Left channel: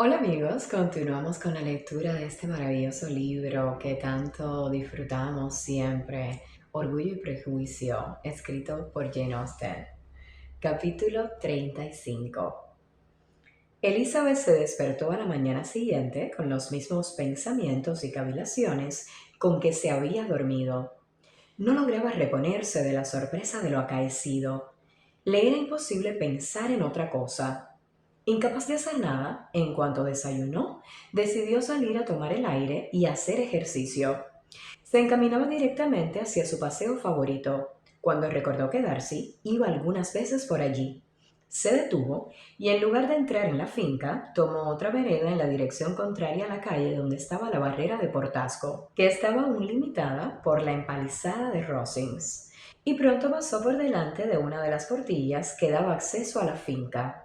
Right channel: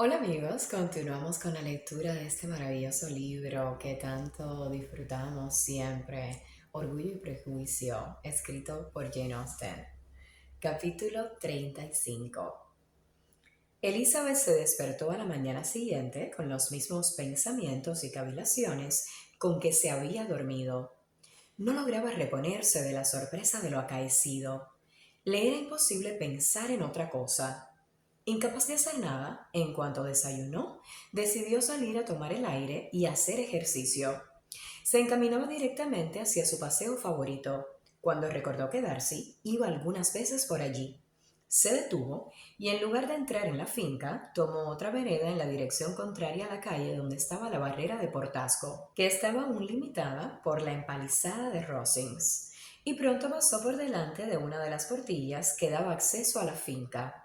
Hola amigos, continuamos con la lectura de este maravilloso libro que tanto disfrutamos siempre, Orgullo y Prejuicio, escrito por Jane Austen. Capítulo 35. Elizabeth se despertó a la mañana siguiente con los mismos pensamientos y cavilaciones con que se había dormido. No lograba reponerse de la sorpresa de lo acaecido. Le era imposible pensar en otra cosa. Incapaz de hacer nada, en cuanto desayunó, decidió salir a tomar el aire y hacer ejercicio. Se encaminaba directamente hacia su paseo favorito, cuando recordó que Darcy iba algunas veces por allí. Se detuvo y en lugar de entrar en la finca, tomó otra vereda en la dirección contraria a la calle donde estaba la barrera de Portasco, que estaba aún limitada por la empalizada de Rosings, y pronto pasó por delante de una de las portillas que daba acceso a la finca.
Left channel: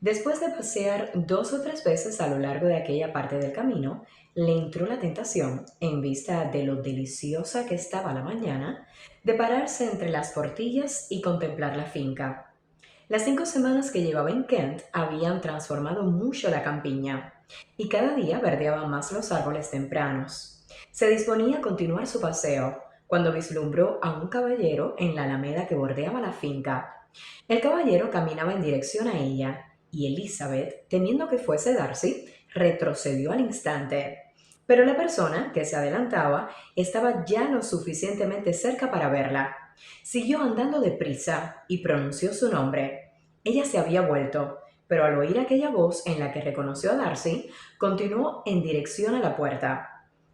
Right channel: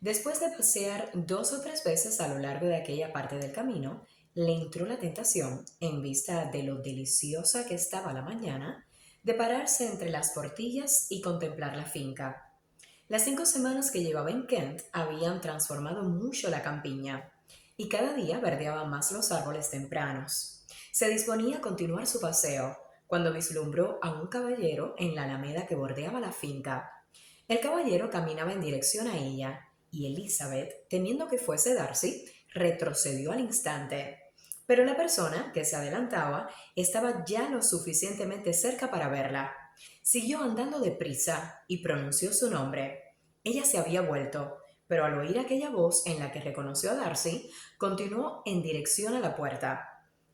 Después de pasear 2 o 3 veces a lo largo de aquella parte del camino, le entró la tentación, en vista de lo deliciosa que estaba la mañana, de pararse entre las portillas y contemplar la finca. Las 5 semanas que llevaba en Kent habían transformado mucho la campiña, y cada día verdeaban más los árboles tempranos. Se disponía a continuar su paseo, cuando vislumbró a un caballero en la alameda que bordeaba la finca. El caballero caminaba en dirección a ella, y Elizabeth, temiendo que fuese Darcy, retrocedió al instante. Pero la persona que se adelantaba estaba ya lo suficientemente cerca para verla. Siguió andando deprisa y pronunció su nombre. Ella se había vuelto, pero al oír aquella voz en la que reconoció a Darcy, continuó en dirección a la puerta.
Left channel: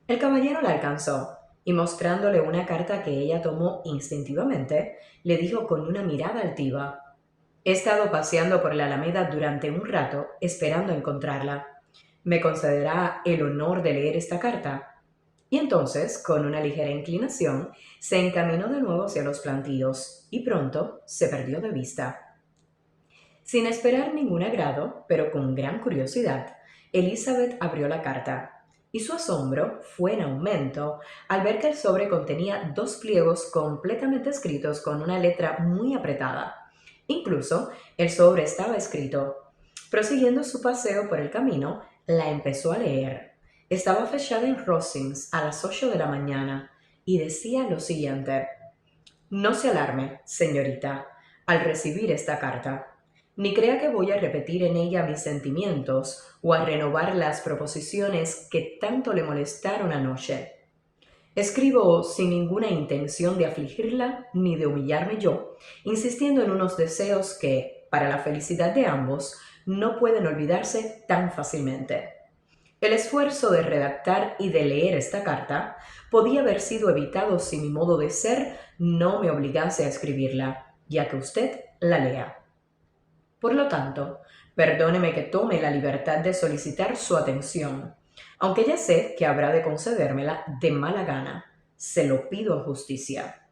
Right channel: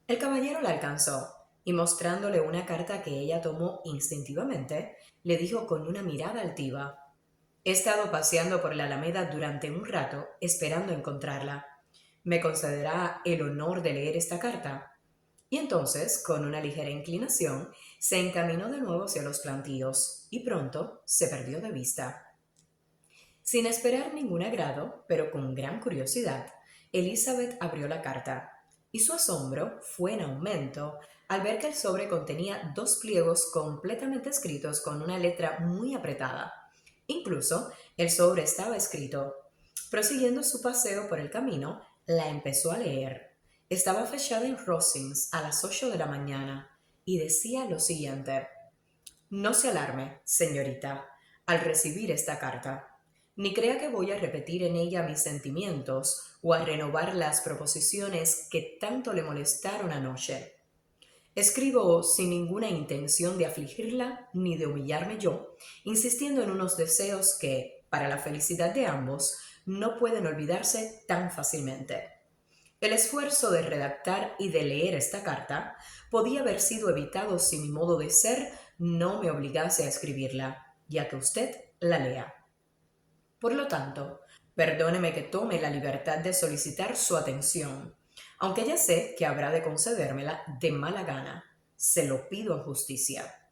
El caballero la alcanzó y mostrándole una carta que ella tomó instintivamente, le dijo con una mirada altiva: He estado paseando por la Alameda durante un rato esperando encontrarla. ¿Me concederá el honor de leer esta carta? Y entonces, con una ligera inclinación, se encaminó de nuevo hacia los plantíos y pronto se perdió de vista. Sin esperar ningún agrado, pero con gran curiosidad, Elizabeth abrió la carta, y su asombro fue en aumento al ver que el sobre contenía 2 pliegos completamente escritos con una letra muy apretada. Incluso el sobre estaba escrito. Prosiguiendo su paseo por el camino, la empezó a leer. Estaba fechada en Rosings a las 8 de la mañana y decía lo siguiente: No se alarme, señorita, al recibir esta carta, ni crea que voy a repetir en ella mis sentimientos o a renovar las proposiciones que tanto le molestaron anoche. Escribo sin ninguna intención de afligirla ni de humillarme yo, insistiendo en unos deseos que, para la felicidad de ambos, no pueden olvidarse tan fácilmente. El esfuerzo de redactar y de leer esta carta podía haber sido evitado si mi modo de ser no me obligase a escribirla, ya que usted la lea. Por lo tanto, perdóneme que tome la libertad de solicitar su atención, aunque ya sé que habrá de concedérmela de mala gana. Se lo pido en justicia.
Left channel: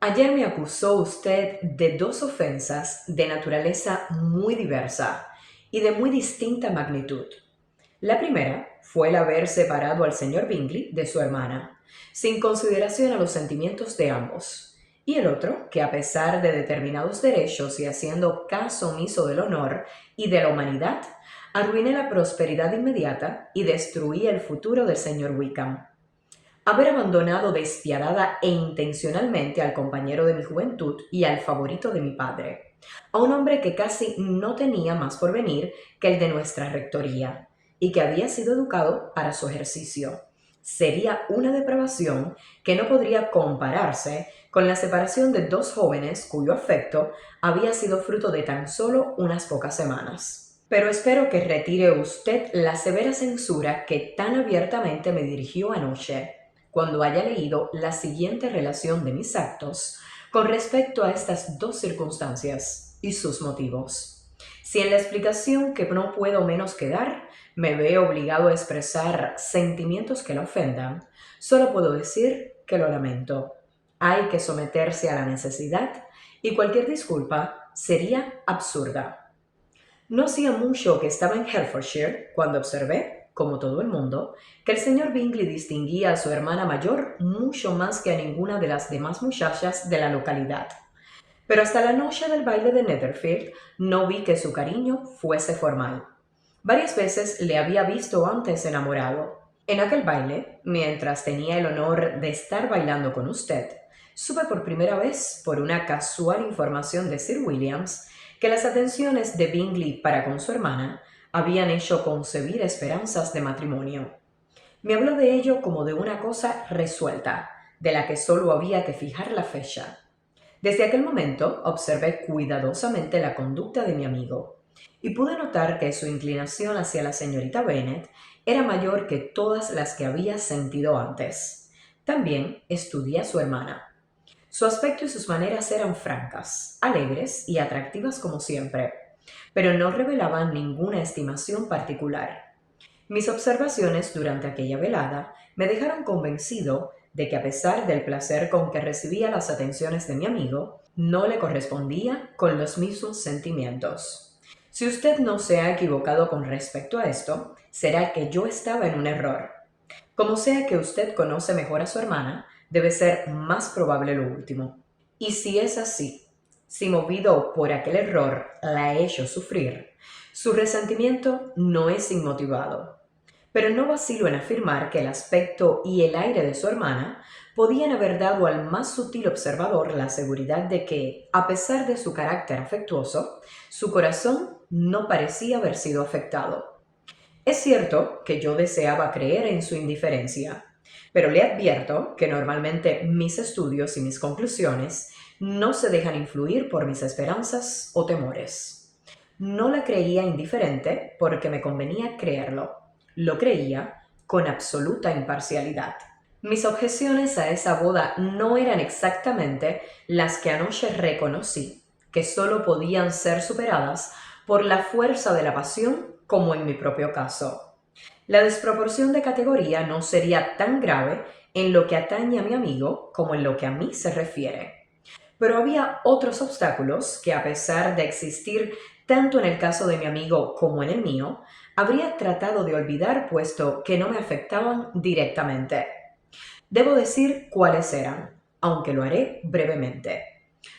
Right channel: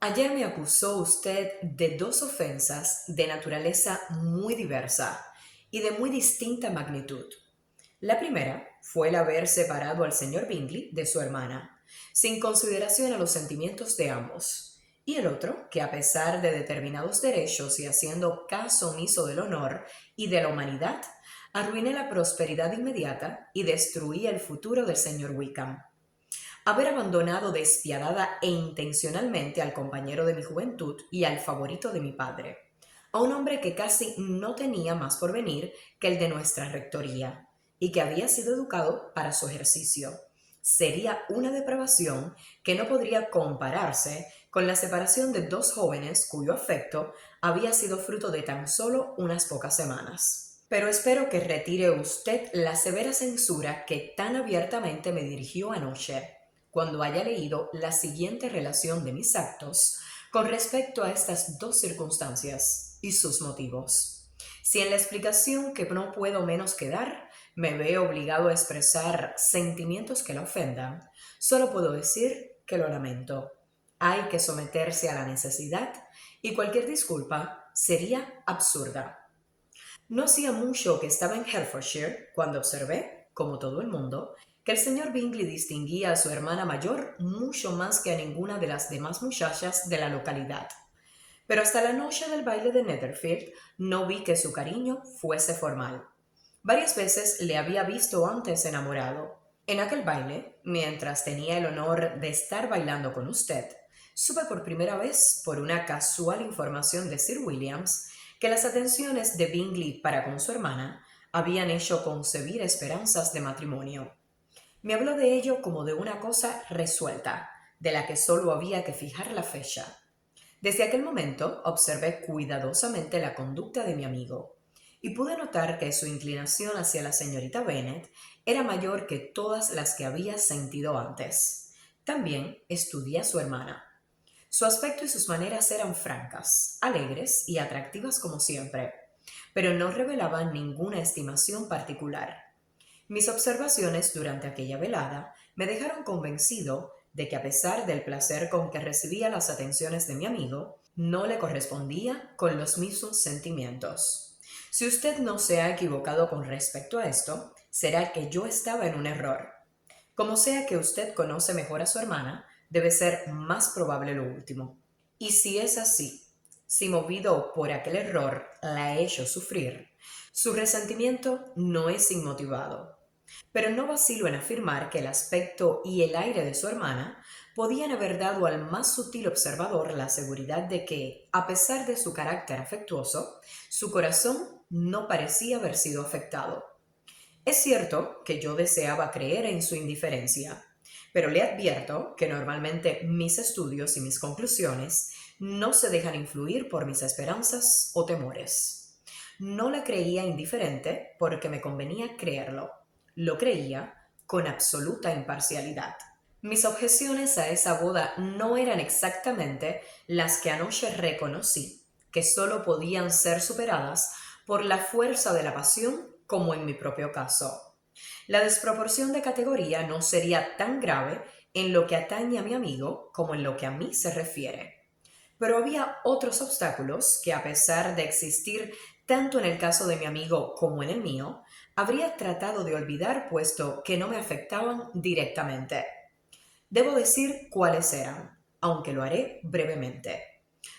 Ayer me acusó usted de 2 ofensas de naturaleza muy diversa y de muy distinta magnitud. La primera fue el haber separado al señor Bingley de su hermana, sin consideración a los sentimientos de ambos, y el otro, que a pesar de determinados derechos y haciendo caso omiso del honor y de la humanidad, arruiné la prosperidad inmediata y destruí el futuro del señor Wickham. Haber abandonado despiadada e intencionalmente al compañero de mi juventud y al favorito de mi padre, a un hombre que casi no tenía más por venir que el de nuestra rectoría, y que había sido educado para su ejercicio. Sería una depravación que no podría compararse con la separación de 2 jóvenes cuyo afecto había sido fruto de tan solo unas pocas semanas. Pero espero que retire usted la severa censura que tan abiertamente me dirigió anoche, cuando haya leído la siguiente relación de mis actos con respecto a estas 2 circunstancias y sus motivos. Si en la explicación que no puedo menos que dar me veo obligado a expresar sentimientos que la ofendan, solo puedo decir que lo lamento. Hay que someterse a la necesidad y cualquier disculpa sería absurda. No hacía mucho que estaba en Hertfordshire cuando observé, como todo el mundo, que el señor Bingley distinguía a su hermana mayor mucho más que a ninguna de las demás muchachas de la localidad. Pero hasta la noche del baile de Netherfield no vi que su cariño fuese formal. Varias veces le había visto antes enamorado. En aquel baile, mientras tenía el honor de estar bailando con usted, supe por primera vez, por una casual información de Sir Williams, que las atenciones de Bingley para con su hermana habían hecho concebir esperanzas de matrimonio. Me habló de ello como de una cosa resuelta, de la que solo había que fijar la fecha. Desde aquel momento observé cuidadosamente la conducta de mi amigo y pude notar que su inclinación hacia la señorita Bennet era mayor que todas las que había sentido antes. También estudié a su hermana. Su aspecto y sus maneras eran francas, alegres y atractivas como siempre, pero no revelaban ninguna estimación particular. Mis observaciones durante aquella velada me dejaron convencido de que a pesar del placer con que recibía las atenciones de mi amigo, no le correspondía con los mismos sentimientos. Si usted no se ha equivocado con respecto a esto, será que yo estaba en un error. Como sea que usted conoce mejor a su hermana, debe ser más probable lo último. Y si es así, si movido por aquel error la he hecho sufrir, su resentimiento no es inmotivado. Pero no vacilo en afirmar que el aspecto y el aire de su hermana podían haber dado al más sutil observador la seguridad de que, a pesar de su carácter afectuoso, su corazón no parecía haber sido afectado. Es cierto que yo deseaba creer en su indiferencia, pero le advierto que normalmente mis estudios y mis conclusiones no se dejan influir por mis esperanzas o temores. No la creía indiferente porque me convenía creerlo. Lo creía con absoluta imparcialidad. Mis objeciones a esa boda no eran exactamente las que anoche reconocí, que solo podían ser superadas por la fuerza de la pasión como en mi propio caso. La desproporción de categoría no sería tan grave en lo que atañe a mi amigo como en lo que a mí se refiere. Pero había otros obstáculos que, a pesar de existir tanto en el caso de mi amigo como en el mío, habría tratado de olvidar puesto que no me afectaban directamente. Debo decir cuáles eran, aunque lo haré brevemente.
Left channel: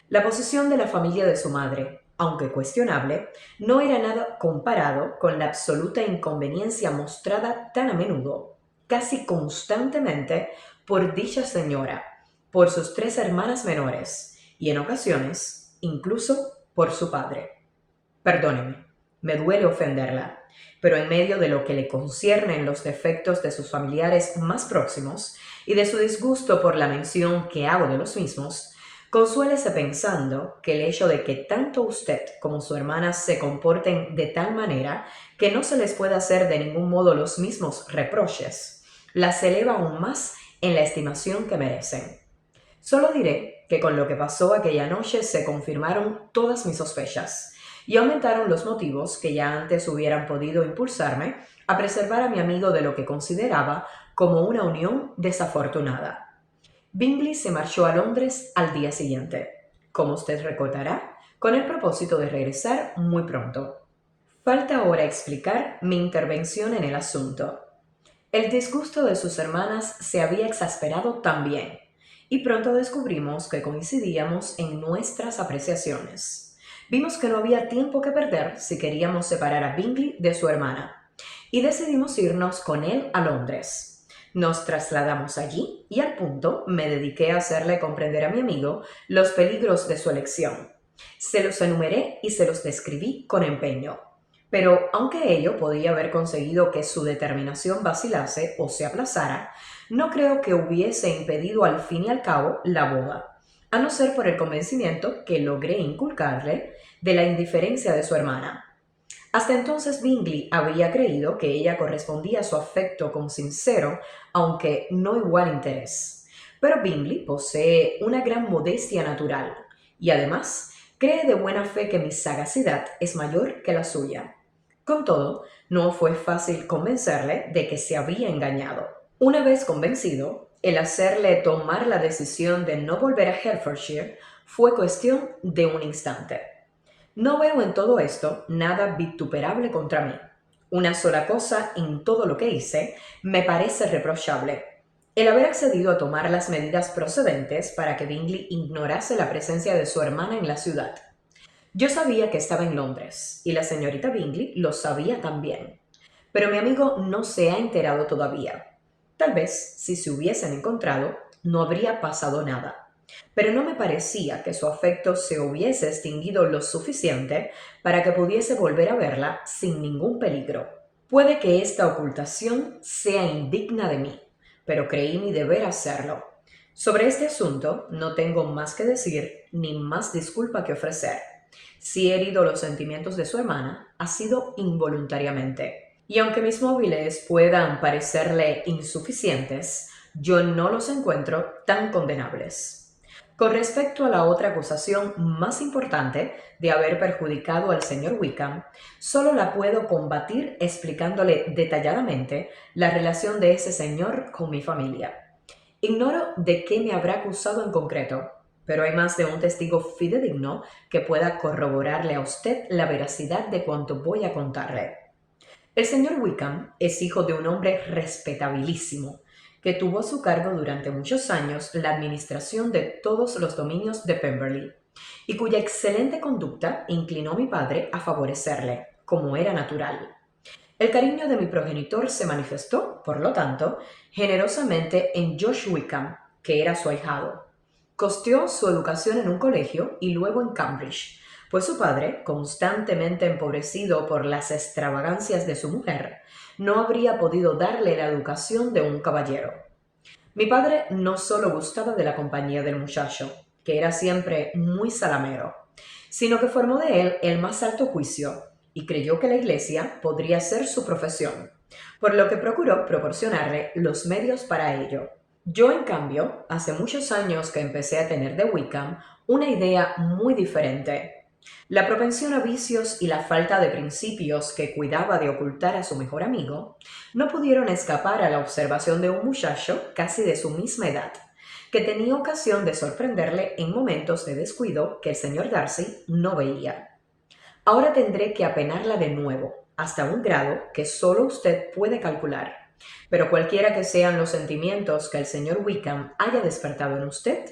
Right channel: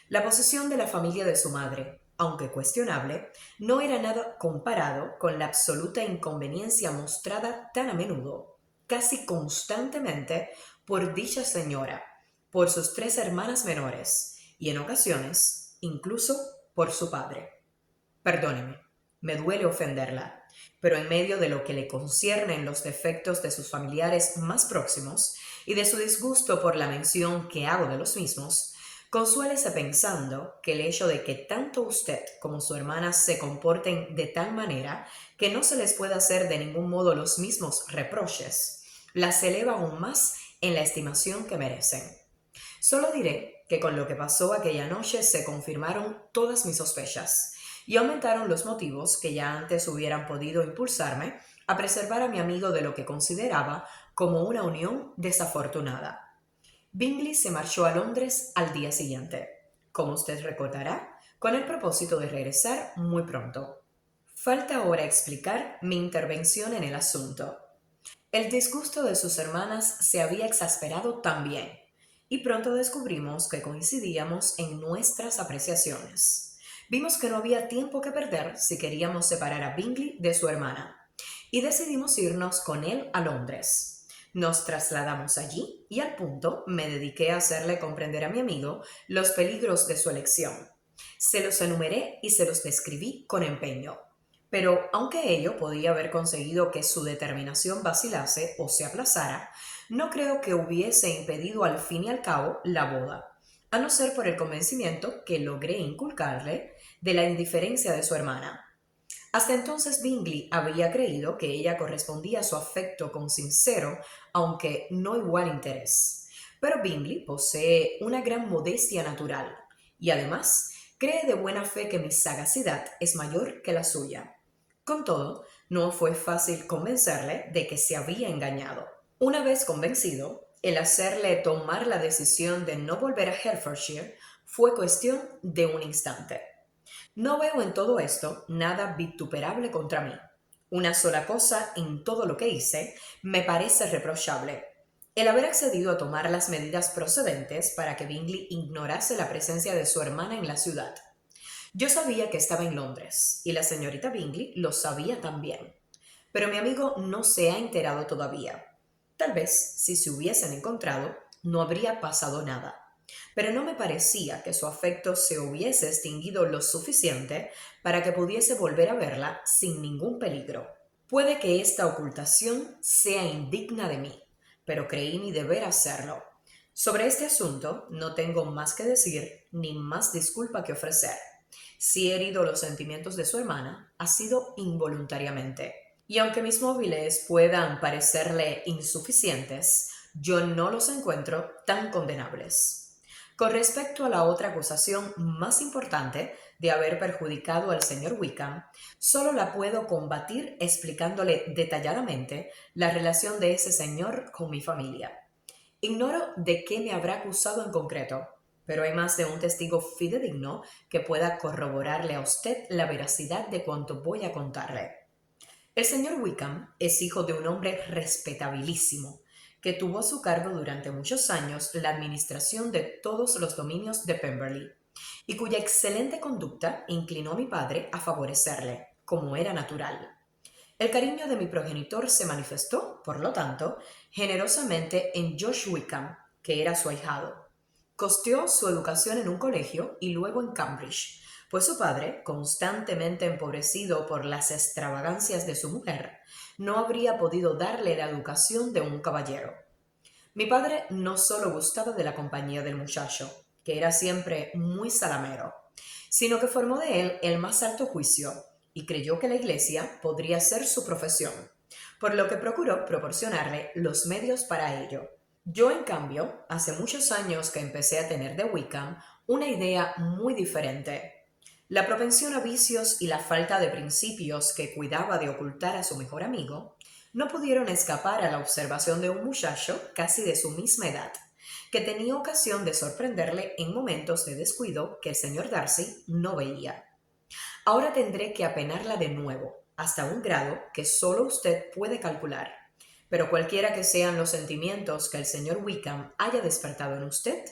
La posición de la familia de su madre, aunque cuestionable, no era nada comparado con la absoluta inconveniencia mostrada tan a menudo, casi constantemente, por dicha señora, por sus tres hermanas menores y en ocasiones incluso por su padre. Perdóneme, me duele ofenderla, pero en medio de lo que le conciernen los defectos de sus familiares más próximos y de su disgusto por la mención que hago de los mismos, consuélese pensando que el hecho de que tanto usted como su hermana se comporten de tal manera que no se les pueda hacer de ningún modo los mismos reproches, las eleva aún más en la estimación que merecen. Solo diré que con lo que pasó aquella noche se confirmaron todas mis sospechas y aumentaron los motivos que ya antes hubieran podido impulsarme a preservar a mi amigo de lo que consideraba como una unión desafortunada. Bingley se marchó a Londres al día siguiente, como usted recordará, con el propósito de regresar muy pronto. Falta ahora explicar mi intervención en el asunto. El disgusto de sus hermanas se había exasperado también, y pronto descubrimos que coincidíamos en nuestras apreciaciones. Vimos que no había tiempo que perder si queríamos separar a Bingley de su hermana, y decidimos irnos con él a Londres. Nos trasladamos allí y al punto me dediqué a hacerle comprender a mi amigo los peligros de su elección. Se los enumeré y se los describí con empeño. Pero aunque ello podía haber conseguido que su determinación vacilase o se aplazara, no creo que hubiese impedido al fin y al cabo la boda, a no ser por el convencimiento que logré inculcarle de la indiferencia de su hermana. Hasta entonces Bingley había creído que ella correspondía a su afecto con sincero, aunque no igual interés. Pero Bingley posee una gran modestia natural y además cree de buena fe que mi sagacidad es mayor que la suya. Con todo, no fue fácil convencerle de que se había engañado. Una vez convencido, el hacerle tomar la decisión de no volver a Hertfordshire fue cuestión de un instante. No veo en todo esto nada vituperable contra mí. Una sola cosa en todo lo que hice me parece reprochable: el haber accedido a tomar las medidas procedentes para que Bingley ignorase la presencia de su hermana en la ciudad. Yo sabía que estaba en Londres y la señorita Bingley lo sabía también, pero mi amigo no se ha enterado todavía. Tal vez, si se hubiesen encontrado, no habría pasado nada, pero no me parecía que su afecto se hubiese extinguido lo suficiente para que pudiese volver a verla sin ningún peligro. Puede que esta ocultación sea indigna de mí, pero creí mi deber hacerlo. Sobre este asunto no tengo más que decir ni más disculpa que ofrecer. Si he herido los sentimientos de su hermana, ha sido involuntariamente. Y aunque mis móviles puedan parecerle insuficientes, yo no los encuentro tan condenables. Con respecto a la otra acusación más importante de haber perjudicado al señor Wickham, solo la puedo combatir explicándole detalladamente la relación de ese señor con mi familia. Ignoro de qué me habrá acusado en concreto, pero hay más de un testigo fidedigno que pueda corroborarle a usted la veracidad de cuanto voy a contarle. El señor Wickham es hijo de un hombre respetabilísimo, que tuvo a su cargo durante muchos años la administración de todos los dominios de Pemberley, y cuya excelente conducta inclinó a mi padre a favorecerle, como era natural. El cariño de mi progenitor se manifestó, por lo tanto, generosamente en George Wickham, que era su ahijado. Costeó su educación en un colegio y luego en Cambridge, pues su padre, constantemente empobrecido por las extravagancias de su mujer, no habría podido darle la educación de un caballero. Mi padre no solo gustaba de la compañía del muchacho, que era siempre muy salamero, sino que formó de él el más alto juicio y creyó que la iglesia podría ser su profesión, por lo que procuró proporcionarle los medios para ello. Yo, en cambio, hace muchos años que empecé a tener de Wickham una idea muy diferente. La propensión a vicios y la falta de principios que cuidaba de ocultar a su mejor amigo no pudieron escapar a la observación de un muchacho casi de su misma edad, que tenía ocasión de sorprenderle en momentos de descuido que el señor Darcy no veía. Ahora tendré que apenarla de nuevo, hasta un grado que solo usted puede calcular. Pero cualquiera que sean los sentimientos que el señor Wickham haya despertado en usted,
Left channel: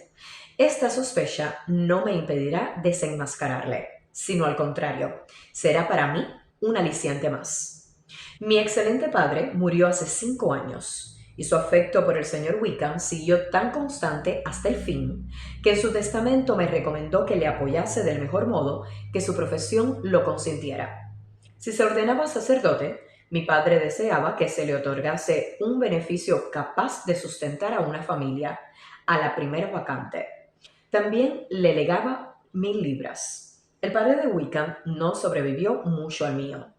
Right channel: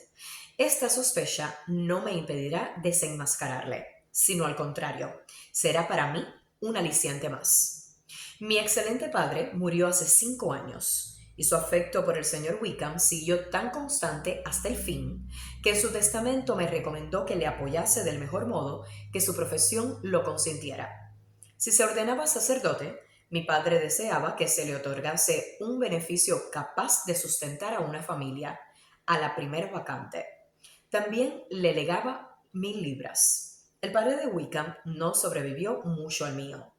esta sospecha no me impedirá desenmascararle, sino al contrario, será para mí un aliciente más. Mi excelente padre murió hace 5 años, y su afecto por el señor Wickham siguió tan constante hasta el fin, que en su testamento me recomendó que le apoyase del mejor modo que su profesión lo consintiera. Si se ordenaba sacerdote, mi padre deseaba que se le otorgase un beneficio capaz de sustentar a una familia a la primera vacante. También le legaba 1000 libras. El padre de Wickham no sobrevivió mucho al mío.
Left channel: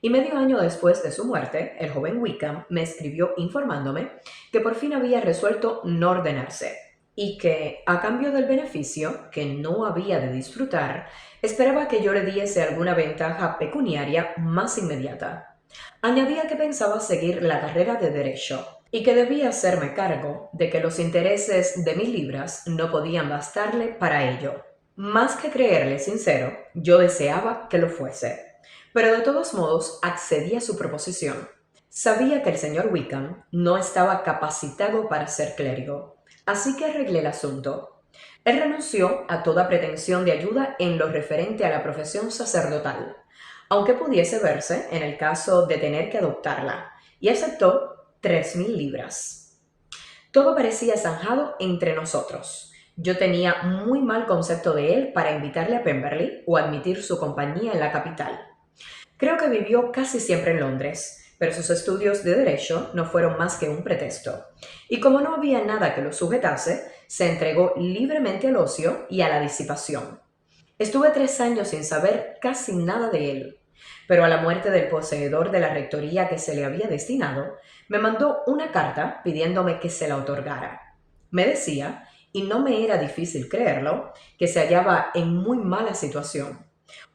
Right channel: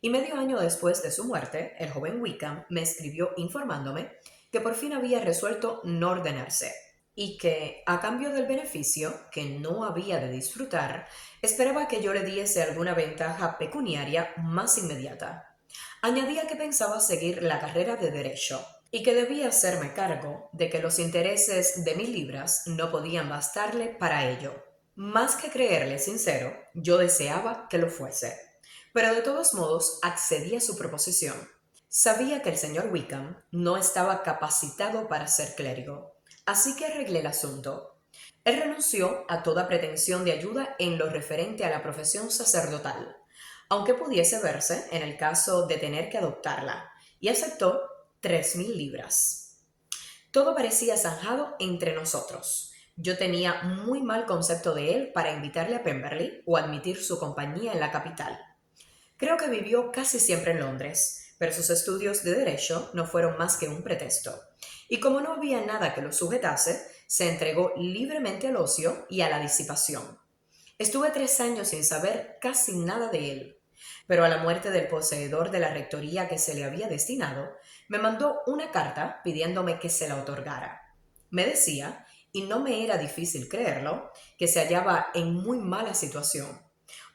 Y medio año después de su muerte, el joven Wickham me escribió informándome que por fin había resuelto no ordenarse y que, a cambio del beneficio que no había de disfrutar, esperaba que yo le diese alguna ventaja pecuniaria más inmediata. Añadía que pensaba seguir la carrera de Derecho y que debía hacerme cargo de que los intereses de 1000 libras no podían bastarle para ello. Más que creerle sincero, yo deseaba que lo fuese, pero de todos modos accedí a su proposición. Sabía que el señor Wickham no estaba capacitado para ser clérigo, así que arreglé el asunto. Él renunció a toda pretensión de ayuda en lo referente a la profesión sacerdotal, aunque pudiese verse en el caso de tener que adoptarla, y aceptó 3000 libras. Todo parecía zanjado entre nosotros. Yo tenía muy mal concepto de él para invitarle a Pemberley o admitir su compañía en la capital. Creo que vivió casi siempre en Londres, pero sus estudios de derecho no fueron más que un pretexto. Y como no había nada que lo sujetase, se entregó libremente al ocio y a la disipación. Estuve 3 años sin saber casi nada de él, pero a la muerte del poseedor de la rectoría que se le había destinado, me mandó una carta pidiéndome que se la otorgara. Me decía, y no me era difícil creerlo, que se hallaba en muy mala situación.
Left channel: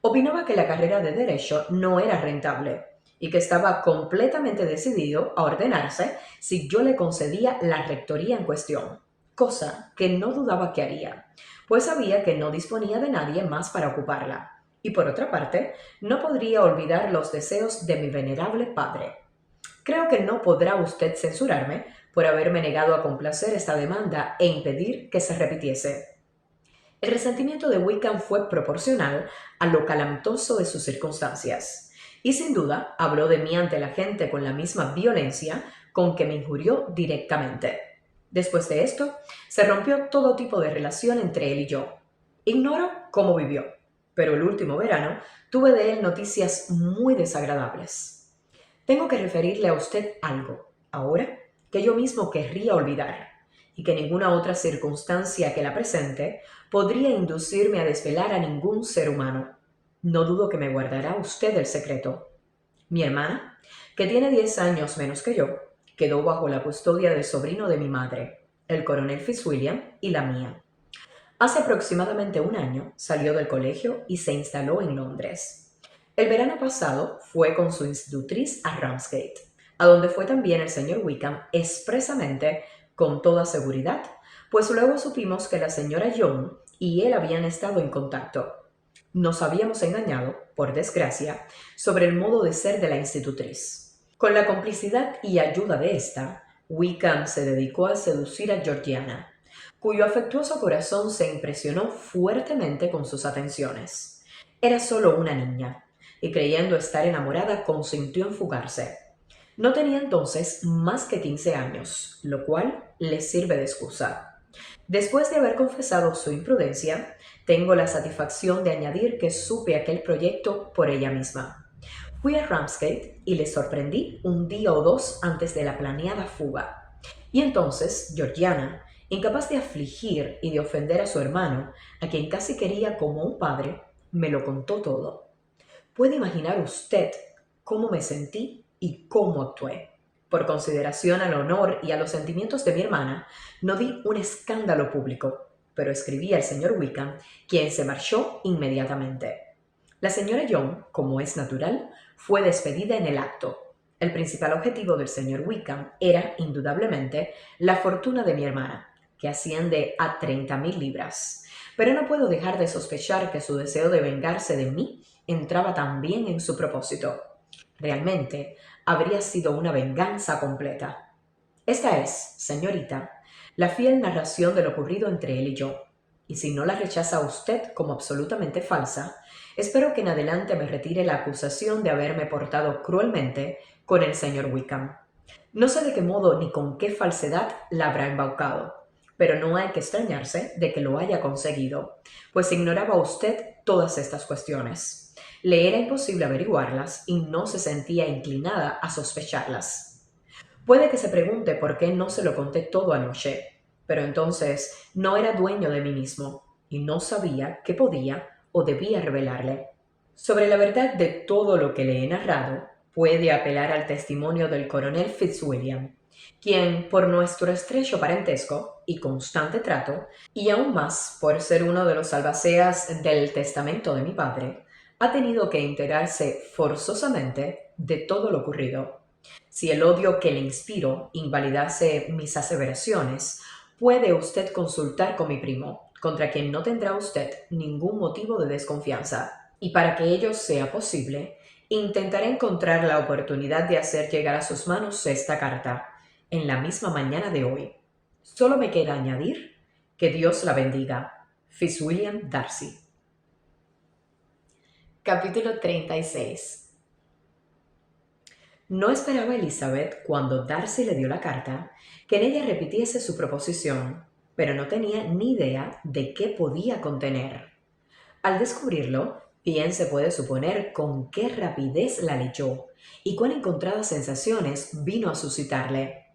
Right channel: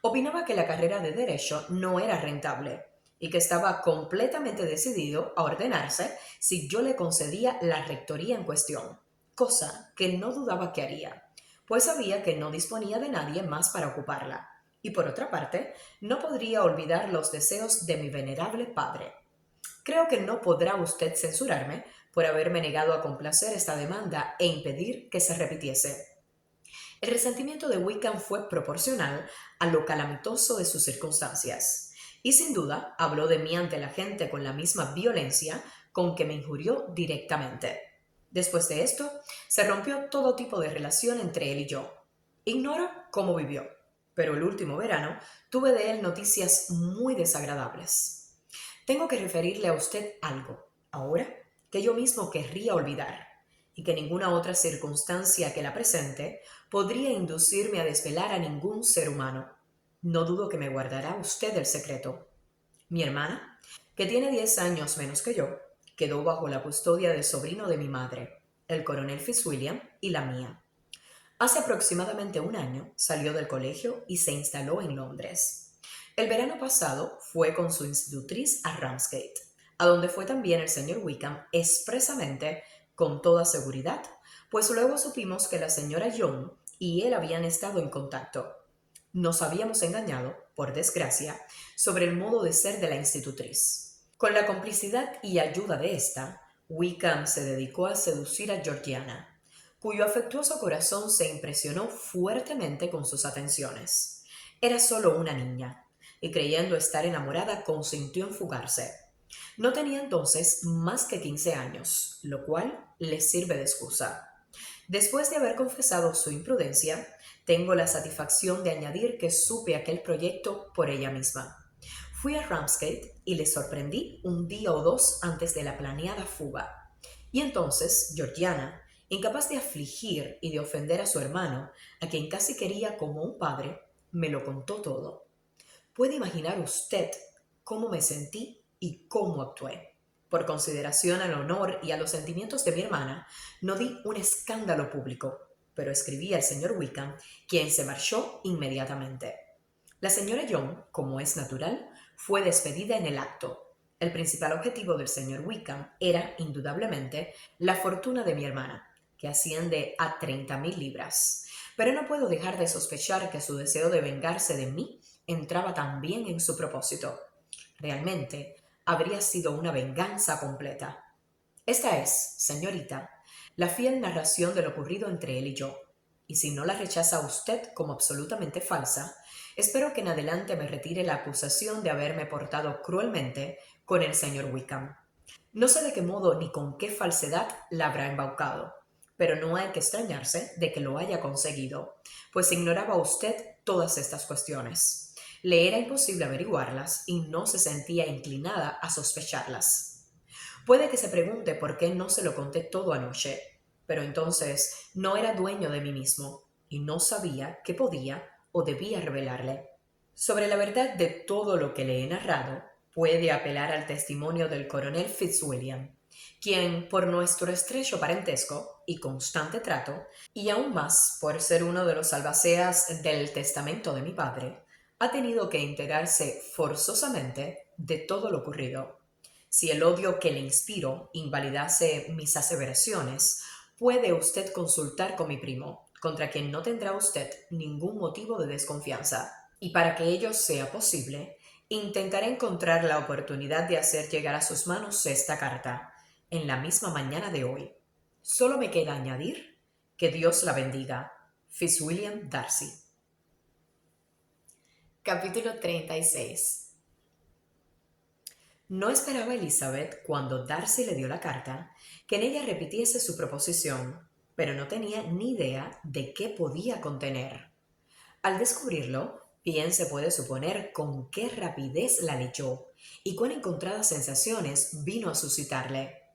Opinaba que la carrera de derecho no era rentable y que estaba completamente decidido a ordenarse si yo le concedía la rectoría en cuestión, cosa que no dudaba que haría, pues sabía que no disponía de nadie más para ocuparla. Y por otra parte, no podría olvidar los deseos de mi venerable padre. Creo que no podrá usted censurarme por haberme negado a complacer esta demanda e impedir que se repitiese. El resentimiento de Wickham fue proporcional a lo calamitoso de sus circunstancias, y sin duda habló de mí ante la gente con la misma violencia con que me injurió directamente. Después de esto, se rompió todo tipo de relación entre él y yo. Ignoro cómo vivió, pero el último verano tuve de él noticias muy desagradables. Tengo que referirle a usted algo, ahora, que yo mismo querría olvidar, y que ninguna otra circunstancia que la presente podría inducirme a desvelar a ningún ser humano. No dudo que me guardará usted el secreto. Mi hermana, que tiene 10 años menos que yo, quedó bajo la custodia del sobrino de mi madre, el coronel Fitzwilliam, y la mía. Hace aproximadamente un año salió del colegio y se instaló en Londres. El verano pasado fue con su institutriz a Ramsgate, a donde fue también el señor Wickham expresamente con toda seguridad, pues luego supimos que la señora Young y él habían estado en contacto. Nos habíamos engañado, por desgracia, sobre el modo de ser de la institutriz. Con la complicidad y ayuda de esta, Wickham se dedicó a seducir a Georgiana, cuyo afectuoso corazón se impresionó fuertemente con sus atenciones. Era solo una niña, y creyendo estar enamorada consintió en fugarse. No tenía entonces más que 15 años, lo cual le sirve de excusa. Después de haber confesado su imprudencia, tengo la satisfacción de añadir que supe aquel proyecto por ella misma. Fui a Ramsgate y le sorprendí un día o dos antes de la planeada fuga. Y entonces Georgiana, incapaz de afligir y de ofender a su hermano, a quien casi quería como un padre, me lo contó todo. Puede imaginar usted cómo me sentí y cómo actué. Por consideración al honor y a los sentimientos de mi hermana, no di un escándalo público, pero escribí al señor Wickham, quien se marchó inmediatamente. La señora Young, como es natural, fue despedida en el acto. El principal objetivo del señor Wickham era, indudablemente, la fortuna de mi hermana, que asciende a 30.000 libras. Pero no puedo dejar de sospechar que su deseo de vengarse de mí entraba también en su propósito. Realmente, habría sido una venganza completa. Esta es, señorita, la fiel narración de lo ocurrido entre él y yo, y si no la rechaza usted como absolutamente falsa, espero que en adelante me retire la acusación de haberme portado cruelmente con el señor Wickham. No sé de qué modo ni con qué falsedad la habrá embaucado, pero no hay que extrañarse de que lo haya conseguido, pues ignoraba usted todas estas cuestiones. Le era imposible averiguarlas y no se sentía inclinada a sospecharlas. Puede que se pregunte por qué no se lo conté todo anoche, pero entonces no era dueño de mí mismo y no sabía qué podía o debía revelarle. Sobre la verdad de todo lo que le he narrado, puede apelar al testimonio del coronel Fitzwilliam, quien, por nuestro estrecho parentesco y constante trato, y aún más por ser uno de los albaceas del testamento de mi padre, ha tenido que enterarse forzosamente de todo lo ocurrido. Si el odio que le inspiro invalidase mis aseveraciones, puede usted consultar con mi primo, contra quien no tendrá usted ningún motivo de desconfianza. Y para que ello sea posible, intentaré encontrar la oportunidad de hacer llegar a sus manos esta carta, en la misma mañana de hoy. Solo me queda añadir que Dios la bendiga. Fitzwilliam Darcy. Capítulo 36. No esperaba Elizabeth, cuando Darcy le dio la carta, que en ella repitiese su proposición, pero no tenía ni idea de qué podía contener. Al descubrirlo, bien se puede suponer con qué rapidez la leyó y cuán encontradas sensaciones vino a suscitarle.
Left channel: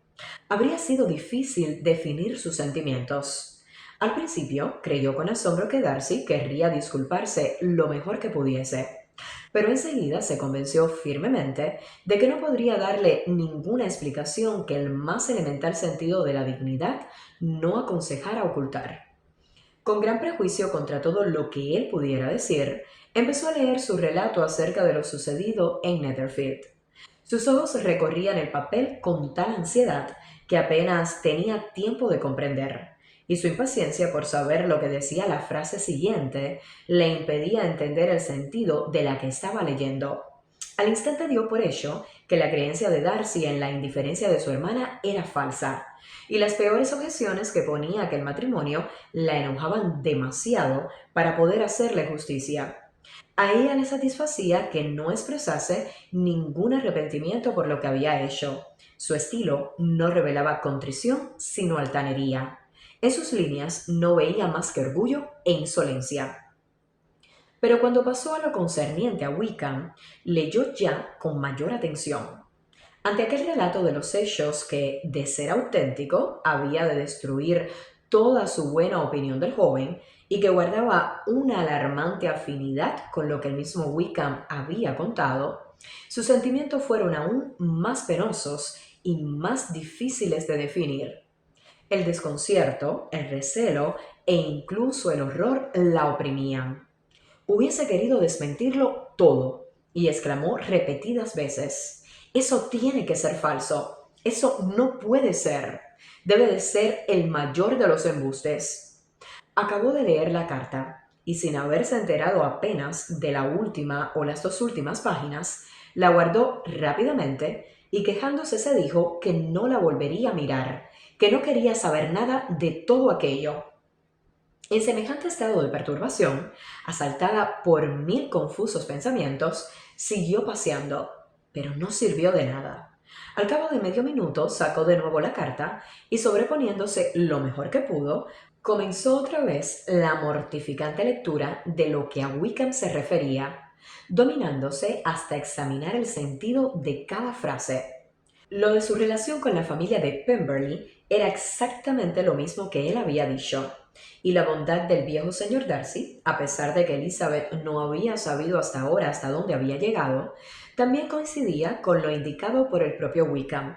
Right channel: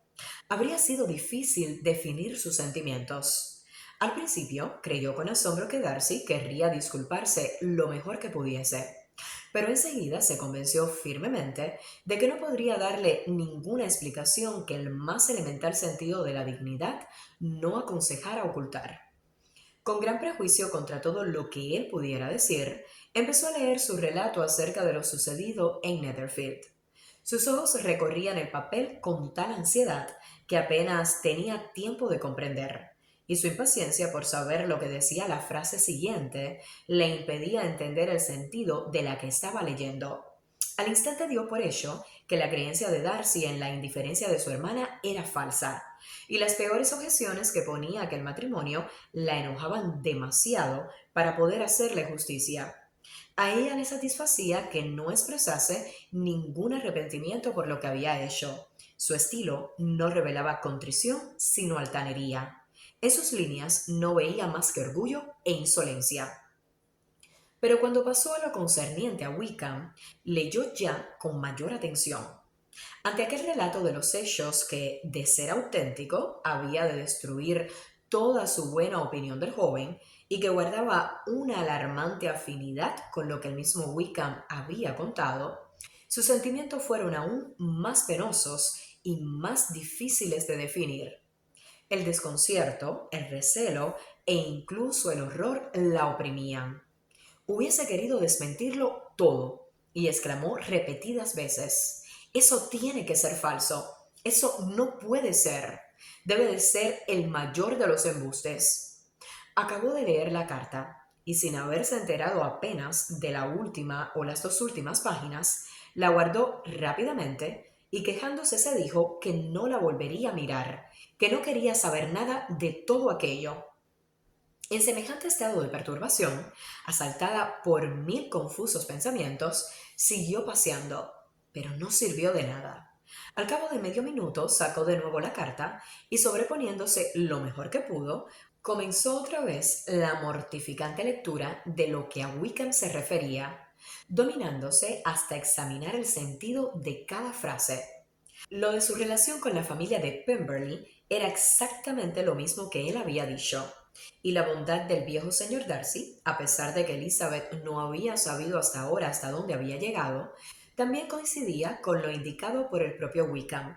Habría sido difícil definir sus sentimientos. Al principio creyó con asombro que Darcy querría disculparse lo mejor que pudiese, pero enseguida se convenció firmemente de que no podría darle ninguna explicación que el más elemental sentido de la dignidad no aconsejara ocultar. Con gran prejuicio contra todo lo que él pudiera decir, empezó a leer su relato acerca de lo sucedido en Netherfield. Sus ojos recorrían el papel con tal ansiedad que apenas tenía tiempo de comprender, y su impaciencia por saber lo que decía la frase siguiente le impedía entender el sentido de la que estaba leyendo. Al instante dio por hecho que la creencia de Darcy en la indiferencia de su hermana era falsa, y las peores objeciones que ponía a aquel matrimonio la enojaban demasiado para poder hacerle justicia. A ella le satisfacía que no expresase ningún arrepentimiento por lo que había hecho. Su estilo no revelaba contrición, sino altanería. En sus líneas no veía más que orgullo e insolencia. Pero cuando pasó a lo concerniente a Wickham, leyó ya con mayor atención. Ante aquel relato de los hechos que, de ser auténtico, había de destruir toda su buena opinión del joven y que guardaba una alarmante afinidad con lo que el mismo Wickham había contado, sus sentimientos fueron aún más penosos y más difíciles de definir. El desconcierto, el recelo e incluso el horror la oprimían. Hubiese querido desmentirlo todo y exclamó repetidas veces: Eso tiene que ser falso. Eso no puede ser. Debe de ser el mayor de los embustes. Acabó de leer la carta y sin haberse enterado apenas de la última o las dos últimas páginas, la guardó rápidamente y quejándose se dijo que no la volvería a mirar, que no quería saber nada de todo aquello. En semejante estado de perturbación, asaltada por mil confusos pensamientos, siguió paseando, pero no sirvió de nada. Al cabo de medio minuto sacó de nuevo la carta y, sobreponiéndose lo mejor que pudo, comenzó otra vez la mortificante lectura de lo que a Wickham se refería, dominándose hasta examinar el sentido de cada frase. Lo de su relación con la familia de Pemberley era exactamente lo mismo que él había dicho, y la bondad del viejo señor Darcy, a pesar de que Elizabeth no había sabido hasta ahora hasta dónde había llegado, también coincidía con lo indicado por el propio Wickham.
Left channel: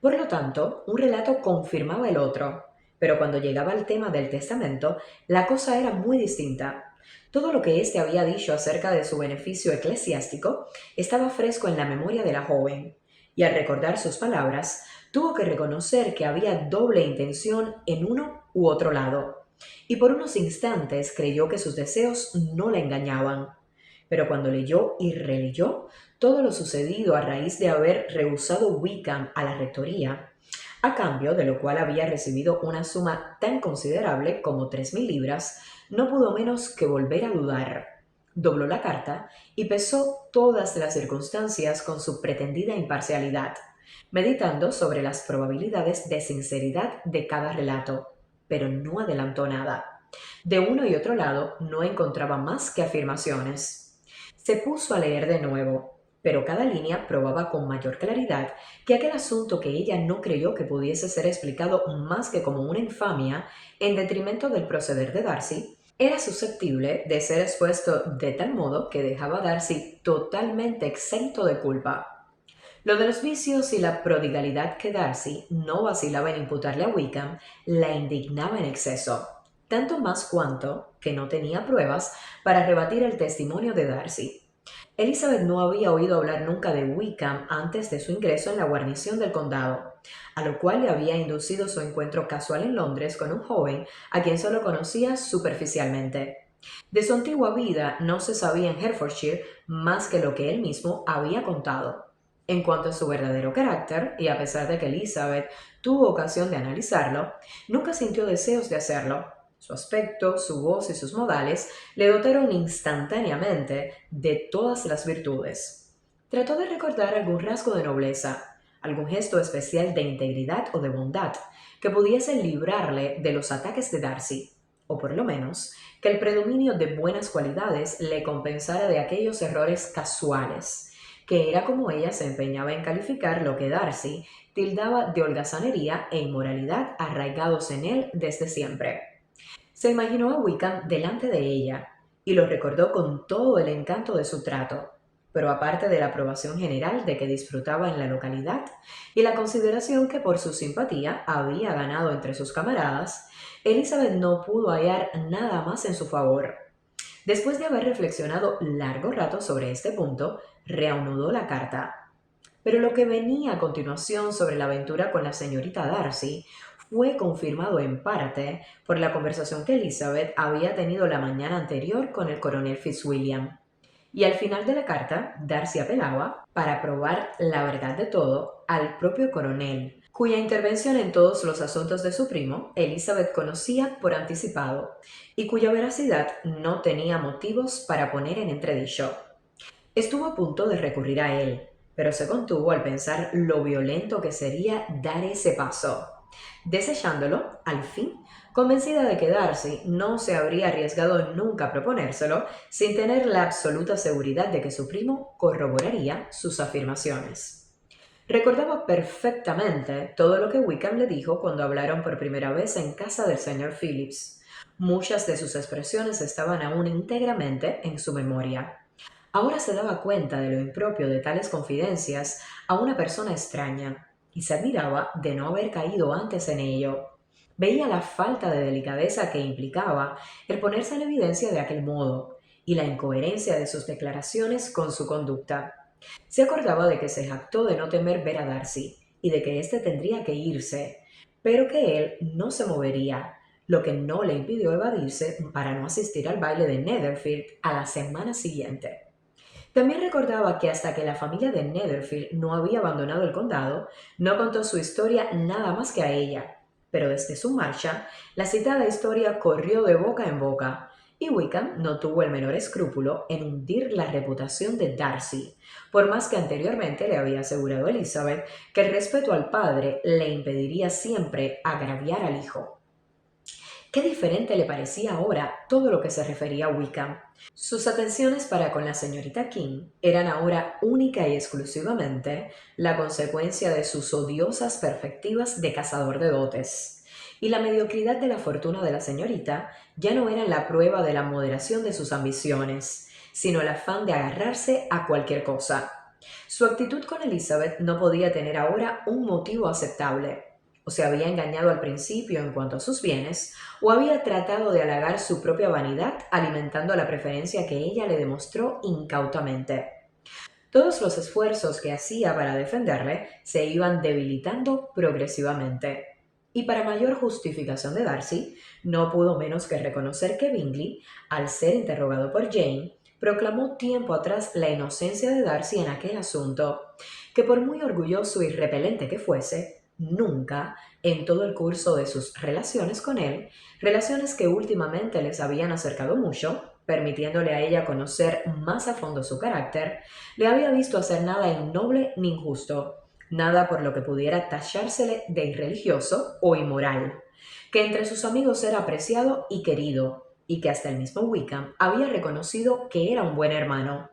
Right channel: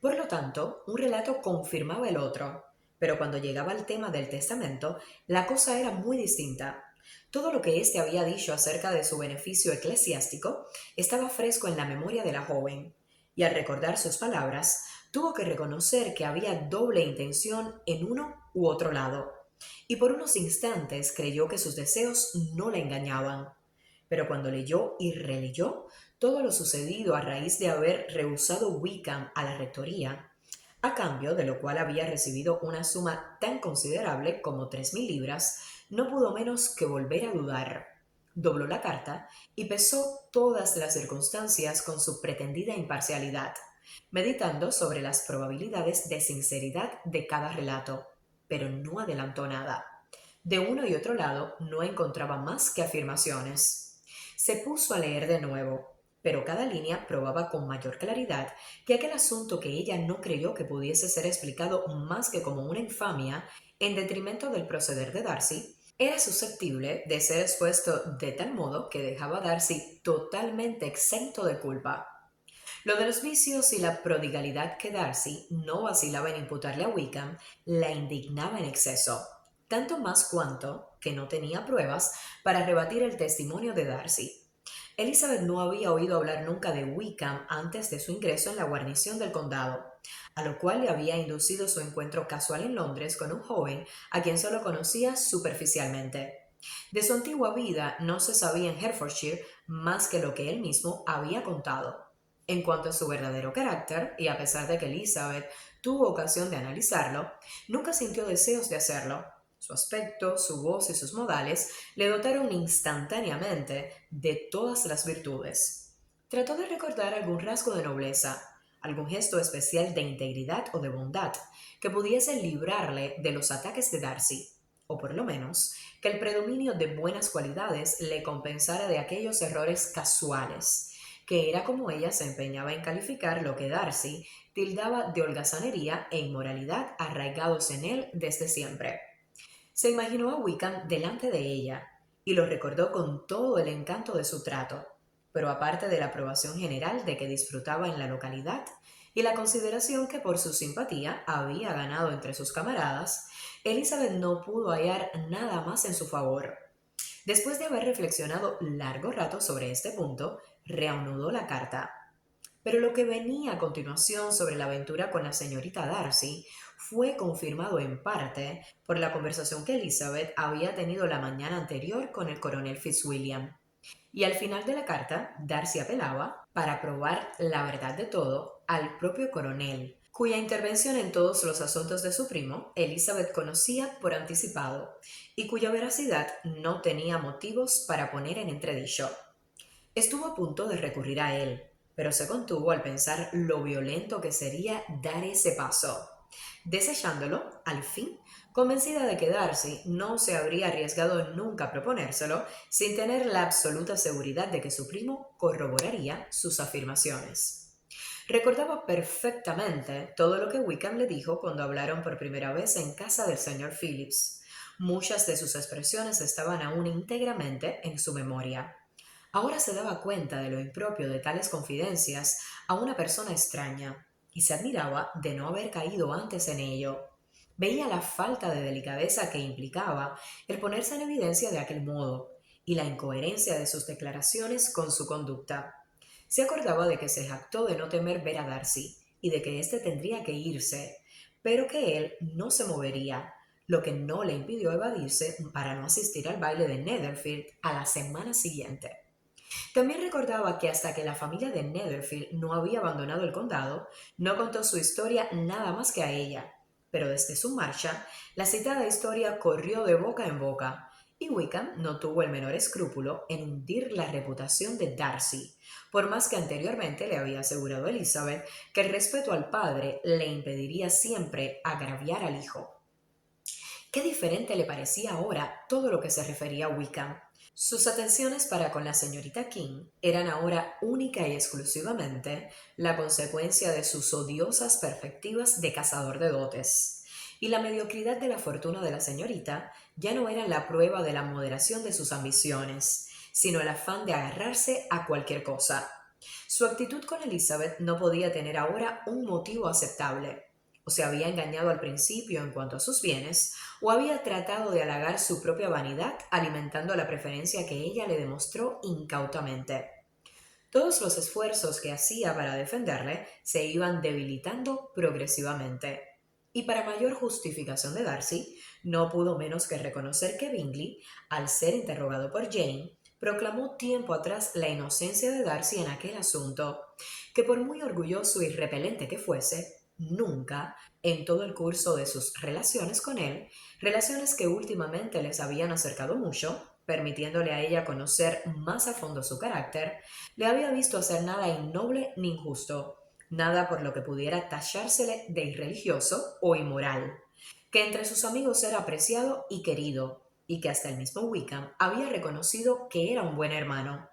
Por lo tanto, un relato confirmaba el otro, pero cuando llegaba al tema del testamento, la cosa era muy distinta. Todo lo que éste había dicho acerca de su beneficio eclesiástico estaba fresco en la memoria de la joven, y al recordar sus palabras, tuvo que reconocer que había doble intención en uno u otro lado, y por unos instantes creyó que sus deseos no la engañaban. Pero cuando leyó y releyó todo lo sucedido a raíz de haber rehusado Wickham a la rectoría, a cambio de lo cual había recibido una suma tan considerable como 3000 libras, no pudo menos que volver a dudar. Dobló la carta y pesó todas las circunstancias con su pretendida imparcialidad, meditando sobre las probabilidades de sinceridad de cada relato, pero no adelantó nada. De uno y otro lado no encontraba más que afirmaciones. Se puso a leer de nuevo, pero cada línea probaba con mayor claridad que aquel asunto que ella no creyó que pudiese ser explicado más que como una infamia en detrimento del proceder de Darcy, era susceptible de ser expuesto de tal modo que dejaba a Darcy totalmente exento de culpa. Lo de los vicios y la prodigalidad que Darcy no vacilaba en imputarle a Wickham la indignaba en exceso, tanto más cuanto que no tenía pruebas para rebatir el testimonio de Darcy. Elizabeth no había oído hablar nunca de Wickham antes de su ingreso en la guarnición del condado, a lo cual le había inducido su encuentro casual en Londres con un joven a quien solo conocía superficialmente. De su antigua vida no se sabía en Hertfordshire más que lo que él mismo había contado. En cuanto a su verdadero carácter, y a pesar de que Elizabeth tuvo ocasión de analizarlo, nunca sintió deseos de hacerlo. Su aspecto, su voz y sus modales le dotaron instantáneamente de todas las virtudes. Trató de recordar algún rasgo de nobleza, algún gesto especial de integridad o de bondad que pudiese librarle de los ataques de Darcy, o por lo menos que el predominio de buenas cualidades le compensara de aquellos errores casuales, que era como ella se empeñaba en calificar lo que Darcy tildaba de holgazanería e inmoralidad arraigados en él desde siempre. Se imaginó a Wickham delante de ella y lo recordó con todo el encanto de su trato, pero aparte de la aprobación general de que disfrutaba en la localidad y la consideración que por su simpatía había ganado entre sus camaradas, Elizabeth no pudo hallar nada más en su favor. Después de haber reflexionado largo rato sobre este punto, reanudó la carta. Pero lo que venía a continuación sobre la aventura con la señorita Darcy fue confirmado en parte por la conversación que Elizabeth había tenido la mañana anterior con el coronel Fitzwilliam. Y al final de la carta, Darcy apelaba, para probar la verdad de todo, al propio coronel, cuya intervención en todos los asuntos de su primo, Elizabeth conocía por anticipado, y cuya veracidad no tenía motivos para poner en entredicho. Estuvo a punto de recurrir a él, pero se contuvo al pensar lo violento que sería dar ese paso. Desechándolo, al fin, convencida de que Darcy no se habría arriesgado nunca a proponérselo sin tener la absoluta seguridad de que su primo corroboraría sus afirmaciones. Recordaba perfectamente todo lo que Wickham le dijo cuando hablaron por primera vez en casa del señor Phillips. Muchas de sus expresiones estaban aún íntegramente en su memoria. Ahora se daba cuenta de lo impropio de tales confidencias a una persona extraña y se admiraba de no haber caído antes en ello. Veía la falta de delicadeza que implicaba el ponerse en evidencia de aquel modo y la incoherencia de sus declaraciones con su conducta. Se acordaba de que se jactó de no temer ver a Darcy y de que éste tendría que irse, pero que él no se movería, lo que no le impidió evadirse para no asistir al baile de Netherfield a la semana siguiente. También recordaba que hasta que la familia de Netherfield no había abandonado el condado, no contó su historia nada más que a ella. Pero desde su marcha, la citada historia corrió de boca en boca, y Wickham no tuvo el menor escrúpulo en hundir la reputación de Darcy, por más que anteriormente le había asegurado a Elizabeth que el respeto al padre le impediría siempre agraviar al hijo. Qué diferente le parecía ahora todo lo que se refería a Wickham. Sus atenciones para con la señorita King eran ahora única y exclusivamente la consecuencia de sus odiosas perspectivas de cazador de dotes, y la mediocridad de la fortuna de la señorita ya no era la prueba de la moderación de sus ambiciones, sino el afán de agarrarse a cualquier cosa. Su actitud con Elizabeth no podía tener ahora un motivo aceptable. O se había engañado al principio en cuanto a sus bienes, o había tratado de halagar su propia vanidad alimentando la preferencia que ella le demostró incautamente. Todos los esfuerzos que hacía para defenderle se iban debilitando progresivamente. Y para mayor justificación de Darcy, no pudo menos que reconocer que Bingley, al ser interrogado por Jane, proclamó tiempo atrás la inocencia de Darcy en aquel asunto, que por muy orgulloso y repelente que fuese, nunca, en todo el curso de sus relaciones con él, relaciones que últimamente les habían acercado mucho, permitiéndole a ella conocer más a fondo su carácter, le había visto hacer nada innoble ni injusto, nada por lo que pudiera tachársele de irreligioso o inmoral, que entre sus amigos era apreciado y querido, y que hasta el mismo Wickham había reconocido que era un buen hermano.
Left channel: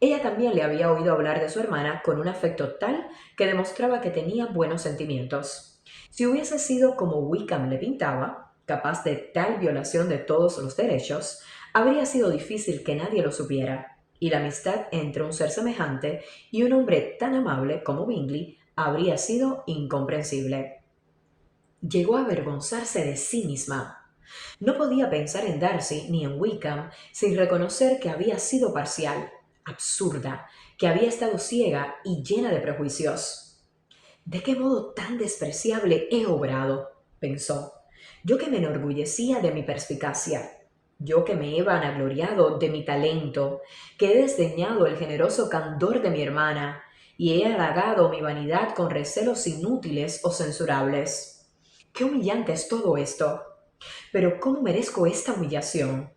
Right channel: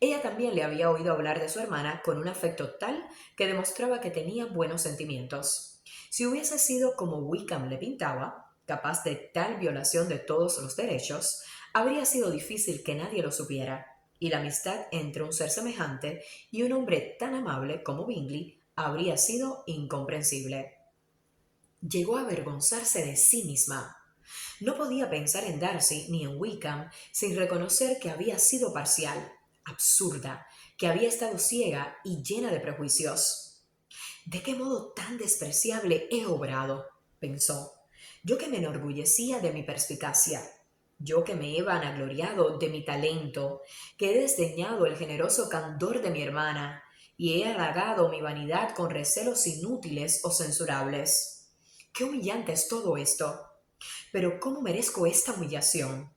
Ella también le había oído hablar de su hermana con un afecto tal que demostraba que tenía buenos sentimientos. Si hubiese sido como Wickham le pintaba, capaz de tal violación de todos los derechos, habría sido difícil que nadie lo supiera, y la amistad entre un ser semejante y un hombre tan amable como Bingley habría sido incomprensible. Llegó a avergonzarse de sí misma. No podía pensar en Darcy ni en Wickham sin reconocer que había sido parcial, absurda, que había estado ciega y llena de prejuicios. ¿De qué modo tan despreciable he obrado?, pensó. Yo que me enorgullecía de mi perspicacia, yo que me he vanagloriado de mi talento, que he desdeñado el generoso candor de mi hermana, y he halagado mi vanidad con recelos inútiles o censurables. Qué humillante es todo esto. Pero ¿cómo merezco esta humillación?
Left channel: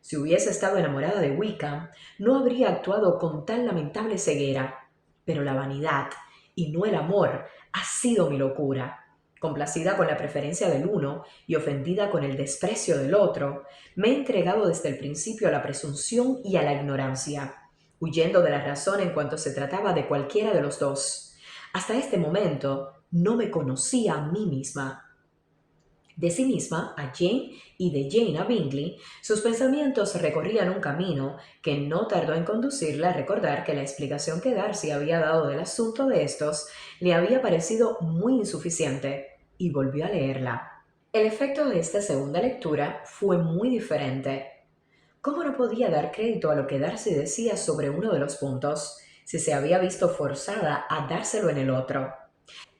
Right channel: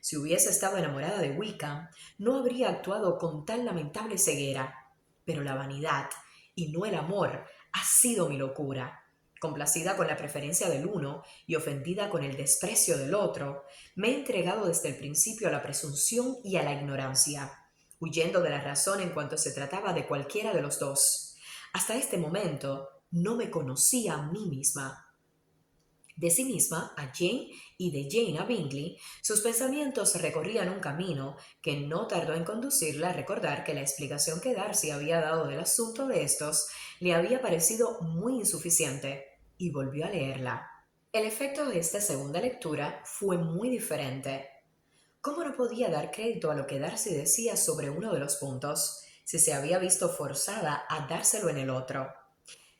Si hubiese estado enamorada de Wickham, no habría actuado con tan lamentable ceguera. Pero la vanidad, y no el amor, ha sido mi locura. Complacida con la preferencia del uno y ofendida con el desprecio del otro, me he entregado desde el principio a la presunción y a la ignorancia, huyendo de la razón en cuanto se trataba de cualquiera de los dos. Hasta este momento no me conocía a mí misma. De sí misma a Jane y de Jane a Bingley, sus pensamientos recorrían un camino que no tardó en conducirla a recordar que la explicación que Darcy había dado del asunto de estos le había parecido muy insuficiente, y volvió a leerla. El efecto de esta segunda lectura fue muy diferente. ¿Cómo no podía dar crédito a lo que Darcy decía sobre uno de los puntos, si se había visto forzada a dárselo en el otro?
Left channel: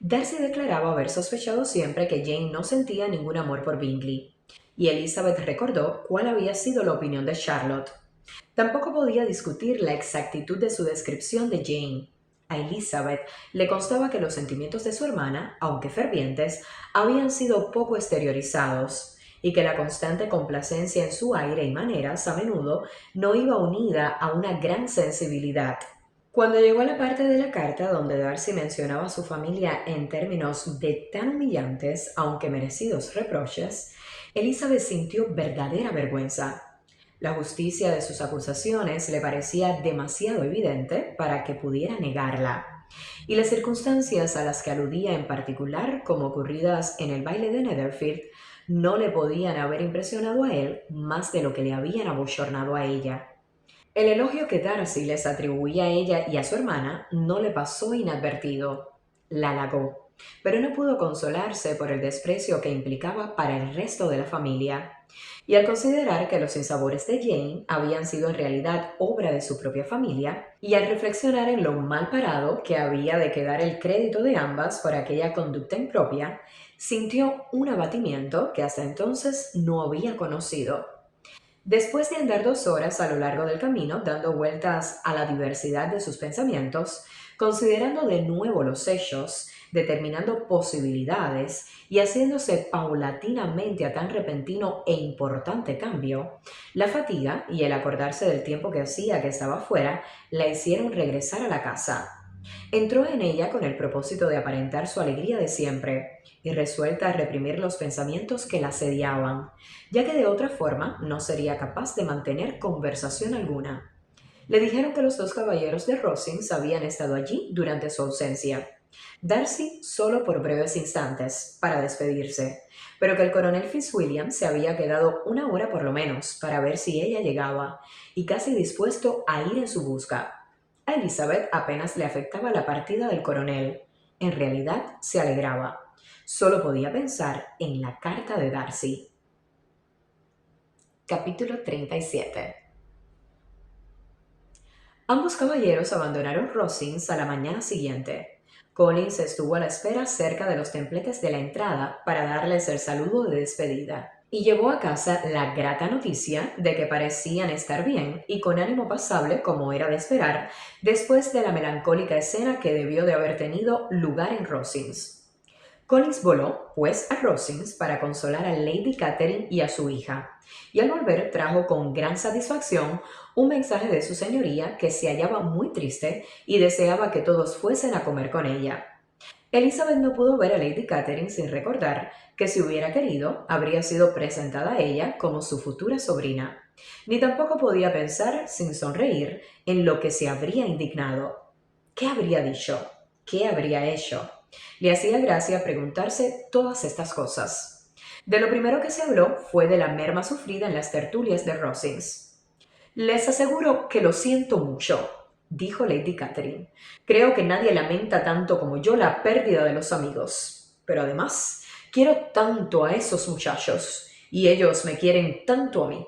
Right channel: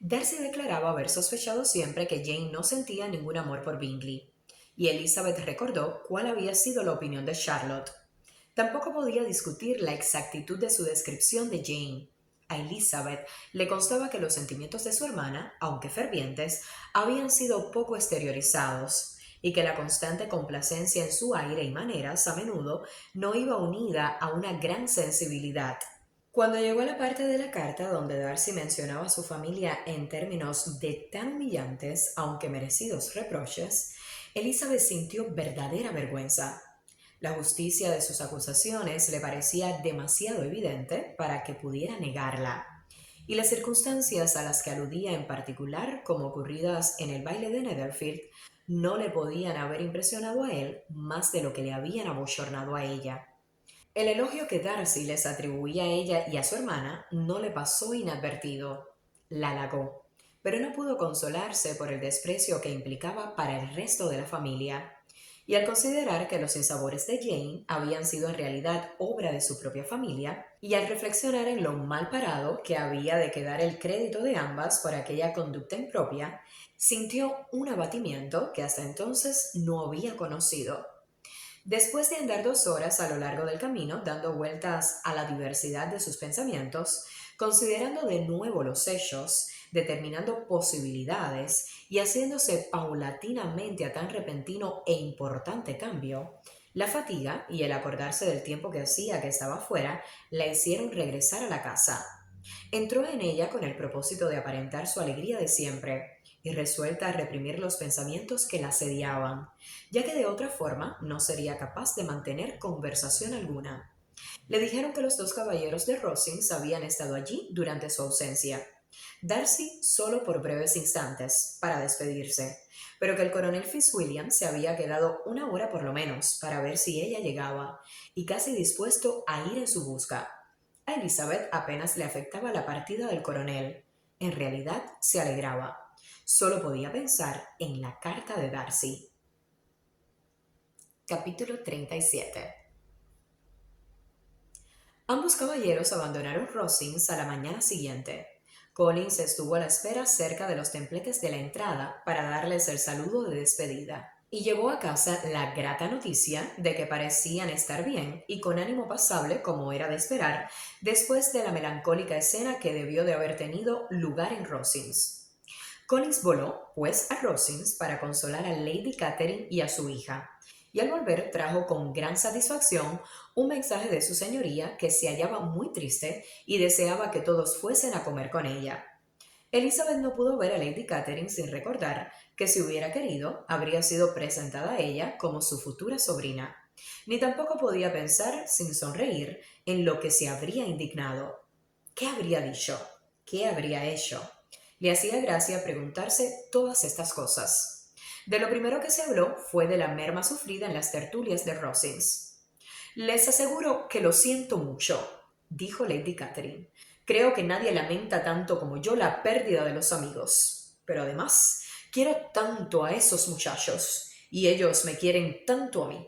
Darcy declaraba haber sospechado siempre que Jane no sentía ningún amor por Bingley, y Elizabeth recordó cuál había sido la opinión de Charlotte. Tampoco podía discutir la exactitud de su descripción de Jane. A Elizabeth le constaba que los sentimientos de su hermana, aunque fervientes, habían sido poco exteriorizados y que la constante complacencia en su aire y maneras a menudo no iba unida a una gran sensibilidad. Cuando llegó a la parte de la carta donde Darcy mencionaba a su familia en términos de tan humillantes, aunque merecidos reproches, Elizabeth sintió verdadera vergüenza. La justicia de sus acusaciones le parecía demasiado evidente para que pudiera negarla, y las circunstancias a las que aludía en particular, como ocurridas en el baile de Netherfield, no le podían haber impresionado a él más de lo que le habían abochornado a ella. El elogio que Darcy les atribuía a ella y a su hermana no le pasó inadvertido. La halagó, pero no pudo consolarse por el desprecio que implicaba para el resto de la familia. Y al considerar que los sinsabores de Jane habían sido en realidad obra de su propia familia, y al reflexionar en lo mal parado que había de quedar el crédito de ambas por aquella conducta impropia, sintió un abatimiento que hasta entonces no había conocido. Después de andar 2 horas a lo largo del camino, dando vueltas a la diversidad de sus pensamientos, considerando de nuevo los hechos, determinando posibilidades y haciéndose paulatinamente a tan repentino e importante cambio, la fatiga y el acordarse del tiempo que hacía que estaba fuera la hicieron regresar a la casa. Entró en ella con el propósito de aparentar su alegría de siempre y resuelta a reprimir los pensamientos que la asediaban, ya que de otra forma no sería capaz de mantener conversación alguna. Le dijeron que los 2 caballeros de Rosings habían estado allí durante su ausencia. Darcy solo por breves instantes, para despedirse, pero que el coronel Fitzwilliam se había quedado 1 hora por lo menos para ver si ella llegaba, y casi dispuesto a ir en su busca. A Elizabeth apenas le afectaba la partida del coronel. En realidad se alegraba. Solo podía pensar en la carta de Darcy. Capítulo 37. Ambos caballeros abandonaron Rosings a la mañana siguiente. Collins estuvo a la espera cerca de los templetes de la entrada para darles el saludo de despedida, y llevó a casa la grata noticia de que parecían estar bien y con ánimo pasable como era de esperar, después de la melancólica escena que debió de haber tenido lugar en Rosings. Collins voló, pues, a Rosings para consolar a Lady Catherine y a su hija, y al volver trajo con gran satisfacción un mensaje de su señoría que se hallaba muy triste y deseaba que todos fuesen a comer con ella. Elizabeth no pudo ver a Lady Catherine sin recordar que si hubiera querido, habría sido presentada a ella como su futura sobrina, ni tampoco podía pensar, sin sonreír, en lo que se habría indignado. ¿Qué habría dicho? ¿Qué habría hecho? Le hacía gracia preguntarse todas estas cosas. De lo primero que se habló fue de la merma sufrida en las tertulias de Rosings. Les aseguro que lo siento mucho, dijo Lady Catherine. Creo que nadie lamenta tanto como yo la pérdida de los amigos. Pero además, quiero tanto a esos muchachos, y ellos me quieren tanto a mí.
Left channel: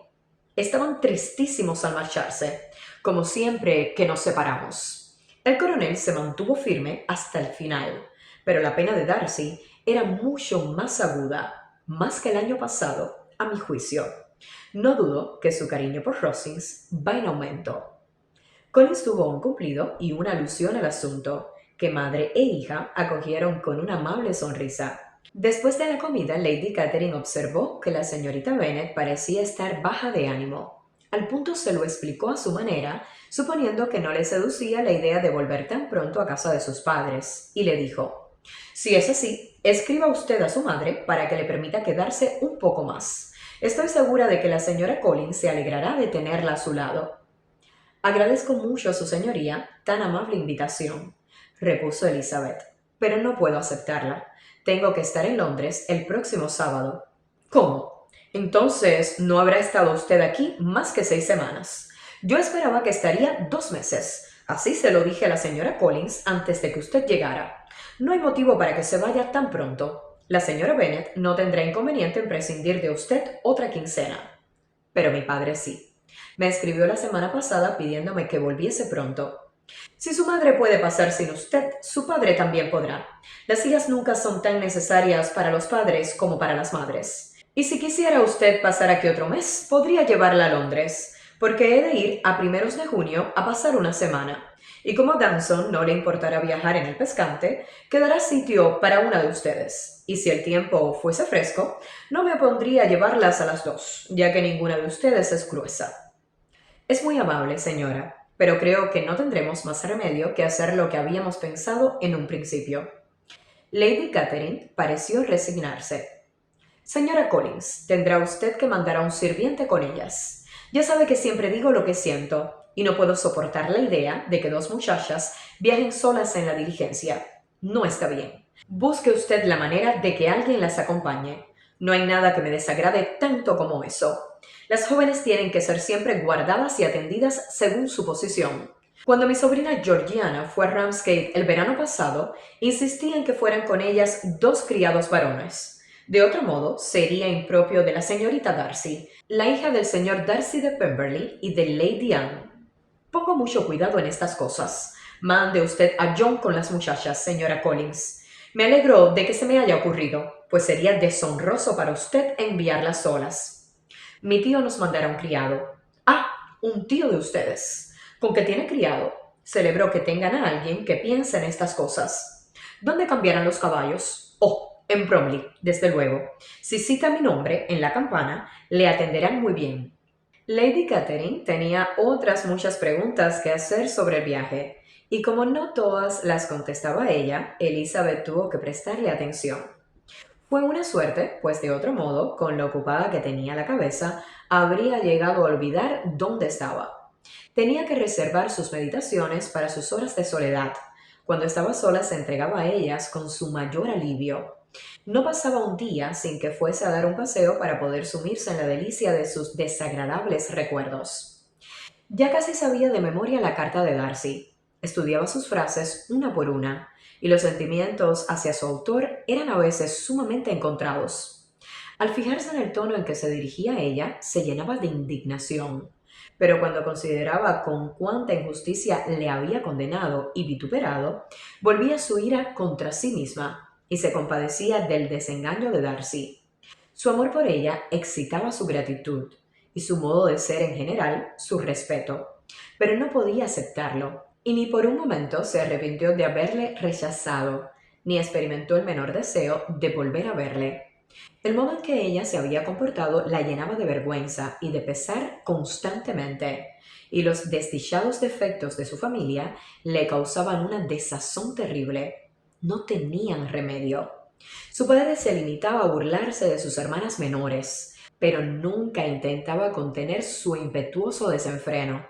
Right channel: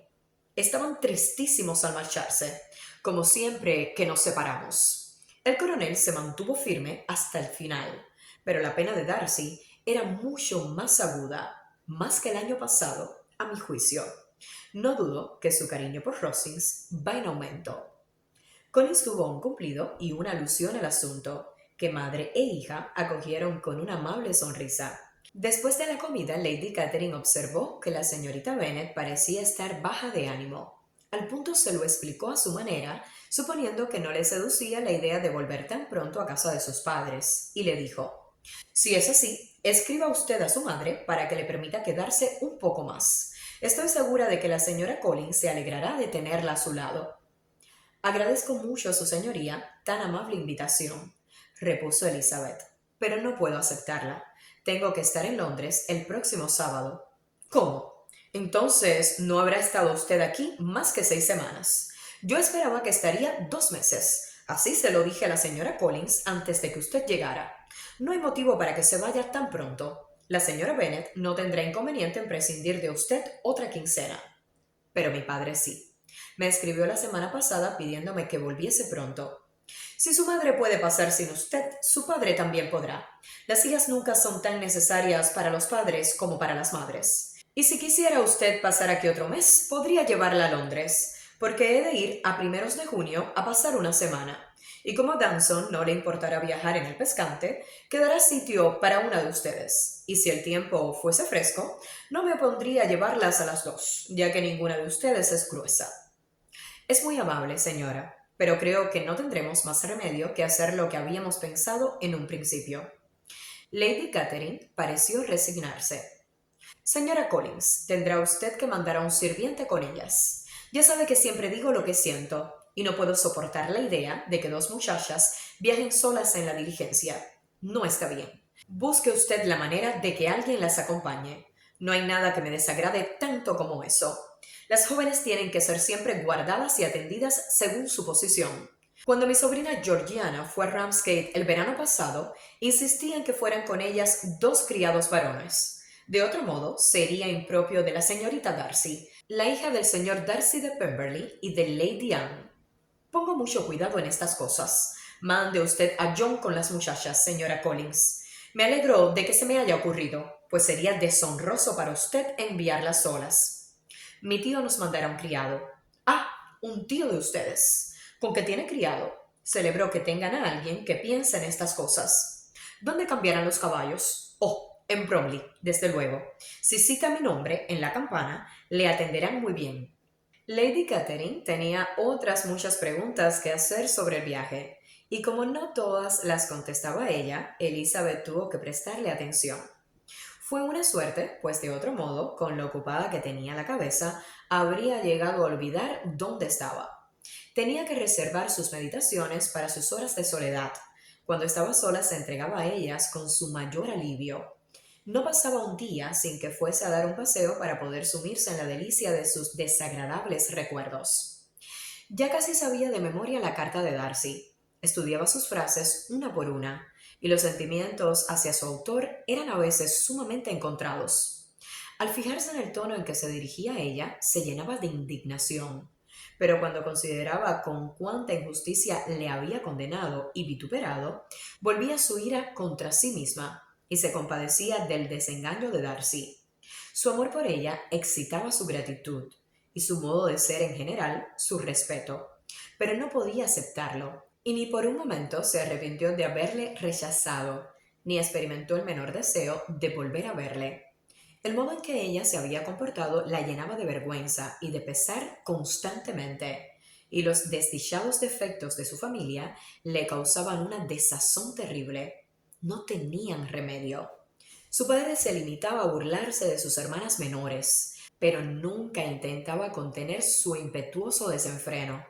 Estaban tristísimos al marcharse, como siempre que nos separamos. El coronel se mantuvo firme hasta el final, pero la pena de Darcy era mucho más aguda, más que el año pasado, a mi juicio. No dudo que su cariño por Rosings va en aumento. Collins tuvo un cumplido y una alusión al asunto, que madre e hija acogieron con una amable sonrisa. Después de la comida, Lady Catherine observó que la señorita Bennet parecía estar baja de ánimo. Al punto se lo explicó a su manera, suponiendo que no le seducía la idea de volver tan pronto a casa de sus padres, y le dijo: «Si es así, escriba usted a su madre para que le permita quedarse un poco más. Estoy segura de que la señora Collins se alegrará de tenerla a su lado». «Agradezco mucho a su señoría tan amable invitación», repuso Elizabeth, «pero no puedo aceptarla. Tengo que estar en Londres el próximo sábado». «¿Cómo? Entonces no habrá estado usted aquí más que 6 semanas. Yo esperaba que estaría 2 meses. Así se lo dije a la señora Collins antes de que usted llegara. No hay motivo para que se vaya tan pronto. La señora Bennet no tendrá inconveniente en prescindir de usted otra quincena. Pero mi padre sí. Me escribió la semana pasada pidiéndome que volviese pronto. Si su madre puede pasar sin usted, su padre también podrá. Las hijas nunca son tan necesarias para los padres como para las madres. Y si quisiera usted pasar aquí otro mes, podría llevarla a Londres. porque he de ir a primeros de junio a pasar una semana. Y como a Danson no le importará viajar en el pescante, quedará sitio para una de ustedes. Y si el tiempo fuese fresco, no me opondría a llevarlas a las dos, ya que ninguna de ustedes es gruesa. Es muy amable, señora, pero creo que no tendremos más remedio que hacer lo que habíamos pensado en un principio. Lady Catherine pareció resignarse. Señora Collins, tendrá usted que mandar a un sirviente con ellas. Ya sabe que siempre digo lo que siento, y no puedo soportar la idea de que dos muchachas viajen solas en la diligencia. No está bien. Busque usted la manera de que alguien las acompañe. No hay nada que me desagrade tanto como eso. Las jóvenes tienen que ser siempre guardadas y atendidas según su posición. Cuando mi sobrina Georgiana fue a Ramsgate el verano pasado, insistí en que fueran con ellas dos criados varones. De otro modo, sería impropio de la señorita Darcy, la hija del señor Darcy de Pemberley y de Lady Anne. Pongo mucho cuidado en estas cosas. Mande usted a John con las muchachas, señora Collins. Me alegro de que se me haya ocurrido, pues sería deshonroso para usted enviarlas solas. Mi tío nos mandará un criado. Ah, un tío de ustedes. ¿Con qué tiene criado? Celebro que tengan a alguien que piense en estas cosas. ¿Dónde cambiarán los caballos? Oh, en Bromley, desde luego. Si cita mi nombre en la campana, le atenderán muy bien. Lady Catherine tenía otras muchas preguntas que hacer sobre el viaje, y como no todas las contestaba ella, Elizabeth tuvo que prestarle atención. Fue una suerte, pues de otro modo, con lo ocupada que tenía la cabeza, habría llegado a olvidar dónde estaba. Tenía que reservar sus meditaciones para sus horas de soledad. Cuando estaba sola se entregaba a ellas con su mayor alivio. No pasaba un día sin que fuese a dar un paseo para poder sumirse en la delicia de sus desagradables recuerdos. Ya casi sabía de memoria la carta de Darcy. Estudiaba sus frases una por una, y los sentimientos hacia su autor eran a veces sumamente encontrados. Al fijarse en el tono en que se dirigía a ella, se llenaba de indignación. Pero cuando consideraba con cuánta injusticia le había condenado y vituperado, volvía su ira contra sí misma y se compadecía del desengaño de Darcy. Su amor por ella excitaba su gratitud y su modo de ser en general su respeto, pero no podía aceptarlo, y ni por un momento se arrepintió de haberle rechazado, ni experimentó el menor deseo de volver a verle. El modo en que ella se había comportado la llenaba de vergüenza y de pesar constantemente, y los desdichados defectos de su familia le causaban una desazón terrible. No tenían remedio. Su padre se limitaba a burlarse de sus hermanas menores, pero nunca intentaba contener su impetuoso desenfreno.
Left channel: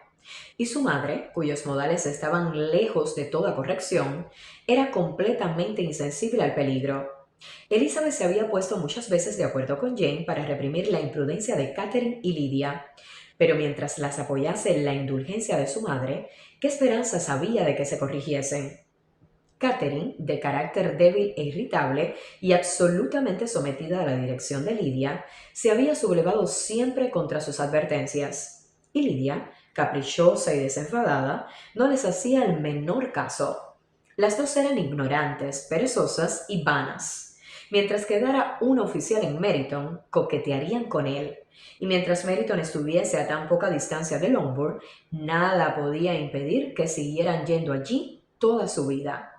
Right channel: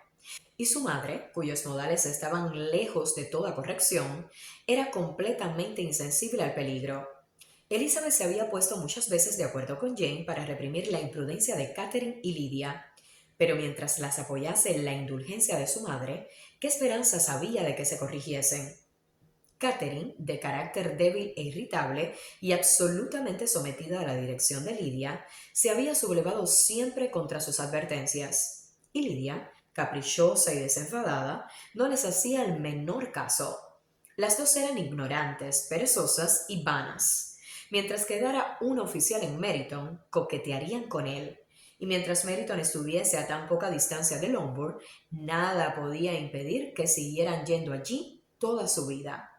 Y su madre, cuyos modales estaban lejos de toda corrección, era completamente insensible al peligro. Elizabeth se había puesto muchas veces de acuerdo con Jane para reprimir la imprudencia de Catherine y Lydia, pero mientras las apoyase en la indulgencia de su madre, ¿qué esperanzas había de que se corrigiesen? Catherine, de carácter débil e irritable y absolutamente sometida a la dirección de Lydia, se había sublevado siempre contra sus advertencias, y Lydia, caprichosa y desenfadada, no les hacía el menor caso. Las dos eran ignorantes, perezosas y vanas. Mientras quedara un oficial en Meryton, coquetearían con él, y mientras Meryton estuviese a tan poca distancia de Longbourn, nada podía impedir que siguieran yendo allí toda su vida.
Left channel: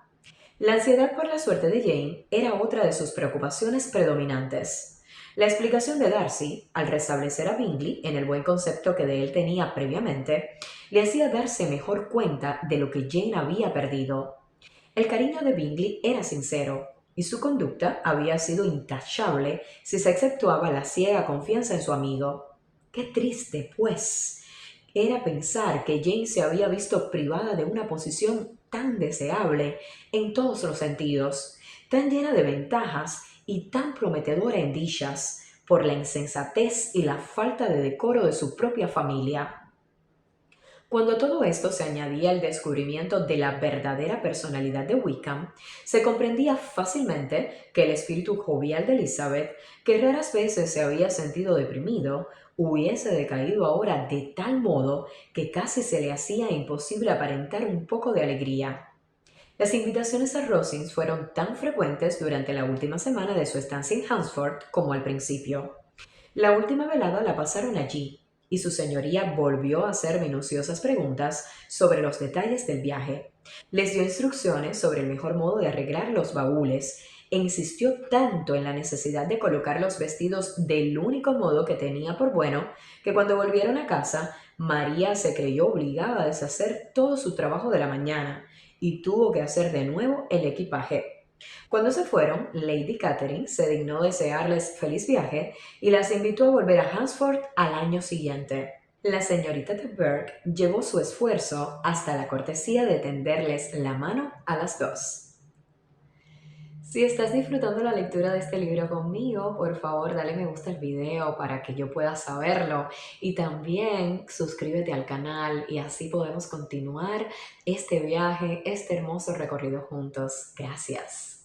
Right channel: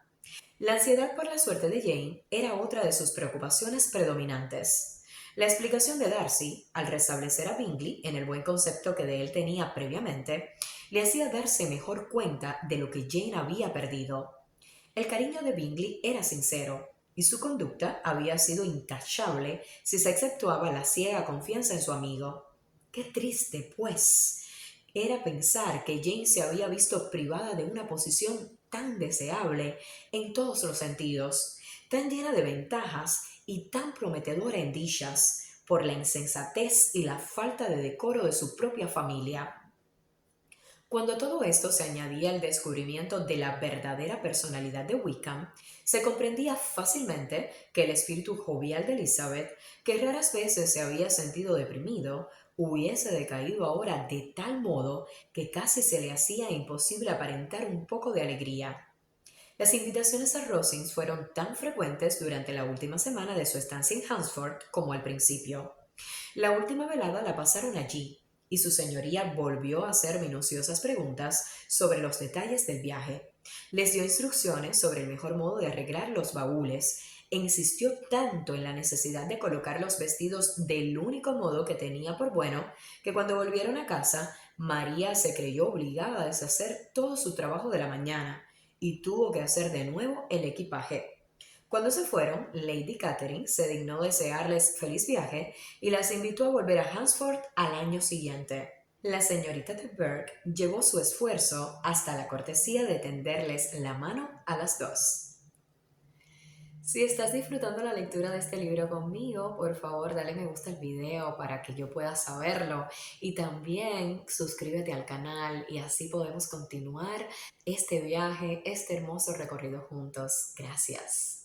La ansiedad por la suerte de Jane era otra de sus preocupaciones predominantes. La explicación de Darcy, al restablecer a Bingley en el buen concepto que de él tenía previamente, le hacía darse mejor cuenta de lo que Jane había perdido. El cariño de Bingley era sincero, y su conducta había sido intachable si se exceptuaba la ciega confianza en su amigo. Qué triste, pues, era pensar que Jane se había visto privada de una posición tan deseable en todos los sentidos, tan llena de ventajas y tan prometedora en dichas, por la insensatez y la falta de decoro de su propia familia. Cuando todo esto se añadía al descubrimiento de la verdadera personalidad de Wickham, se comprendía fácilmente que el espíritu jovial de Elizabeth, que raras veces se había sentido deprimido, hubiese decaído ahora de tal modo que casi se le hacía imposible aparentar un poco de alegría. Las invitaciones a Rosings fueron tan frecuentes durante la última semana de su estancia en Hunsford como al principio. La última velada la pasaron allí, y su señoría volvió a hacer minuciosas preguntas sobre los detalles del viaje. Les dio instrucciones sobre el mejor modo de arreglar los baúles e insistió tanto en la necesidad de colocar los vestidos del único modo que tenía por bueno, que cuando volvieron a casa, María se creyó obligada a deshacer todo su trabajo de la mañana y tuvo que hacer de nuevo el equipaje. Cuando se fueron, Lady Catherine se dignó desearles feliz viaje y las invitó a volver a Hansford al año siguiente. La señorita de Burgh llevó su esfuerzo hasta la cortesía de tenderles la mano a las dos. Si estás disfrutando la lectura de este libro conmigo, por favor dale me gusta al video para que yo pueda saberlo y también suscríbete al canal y así podemos continuar este viaje, este hermoso recorrido juntos. Gracias.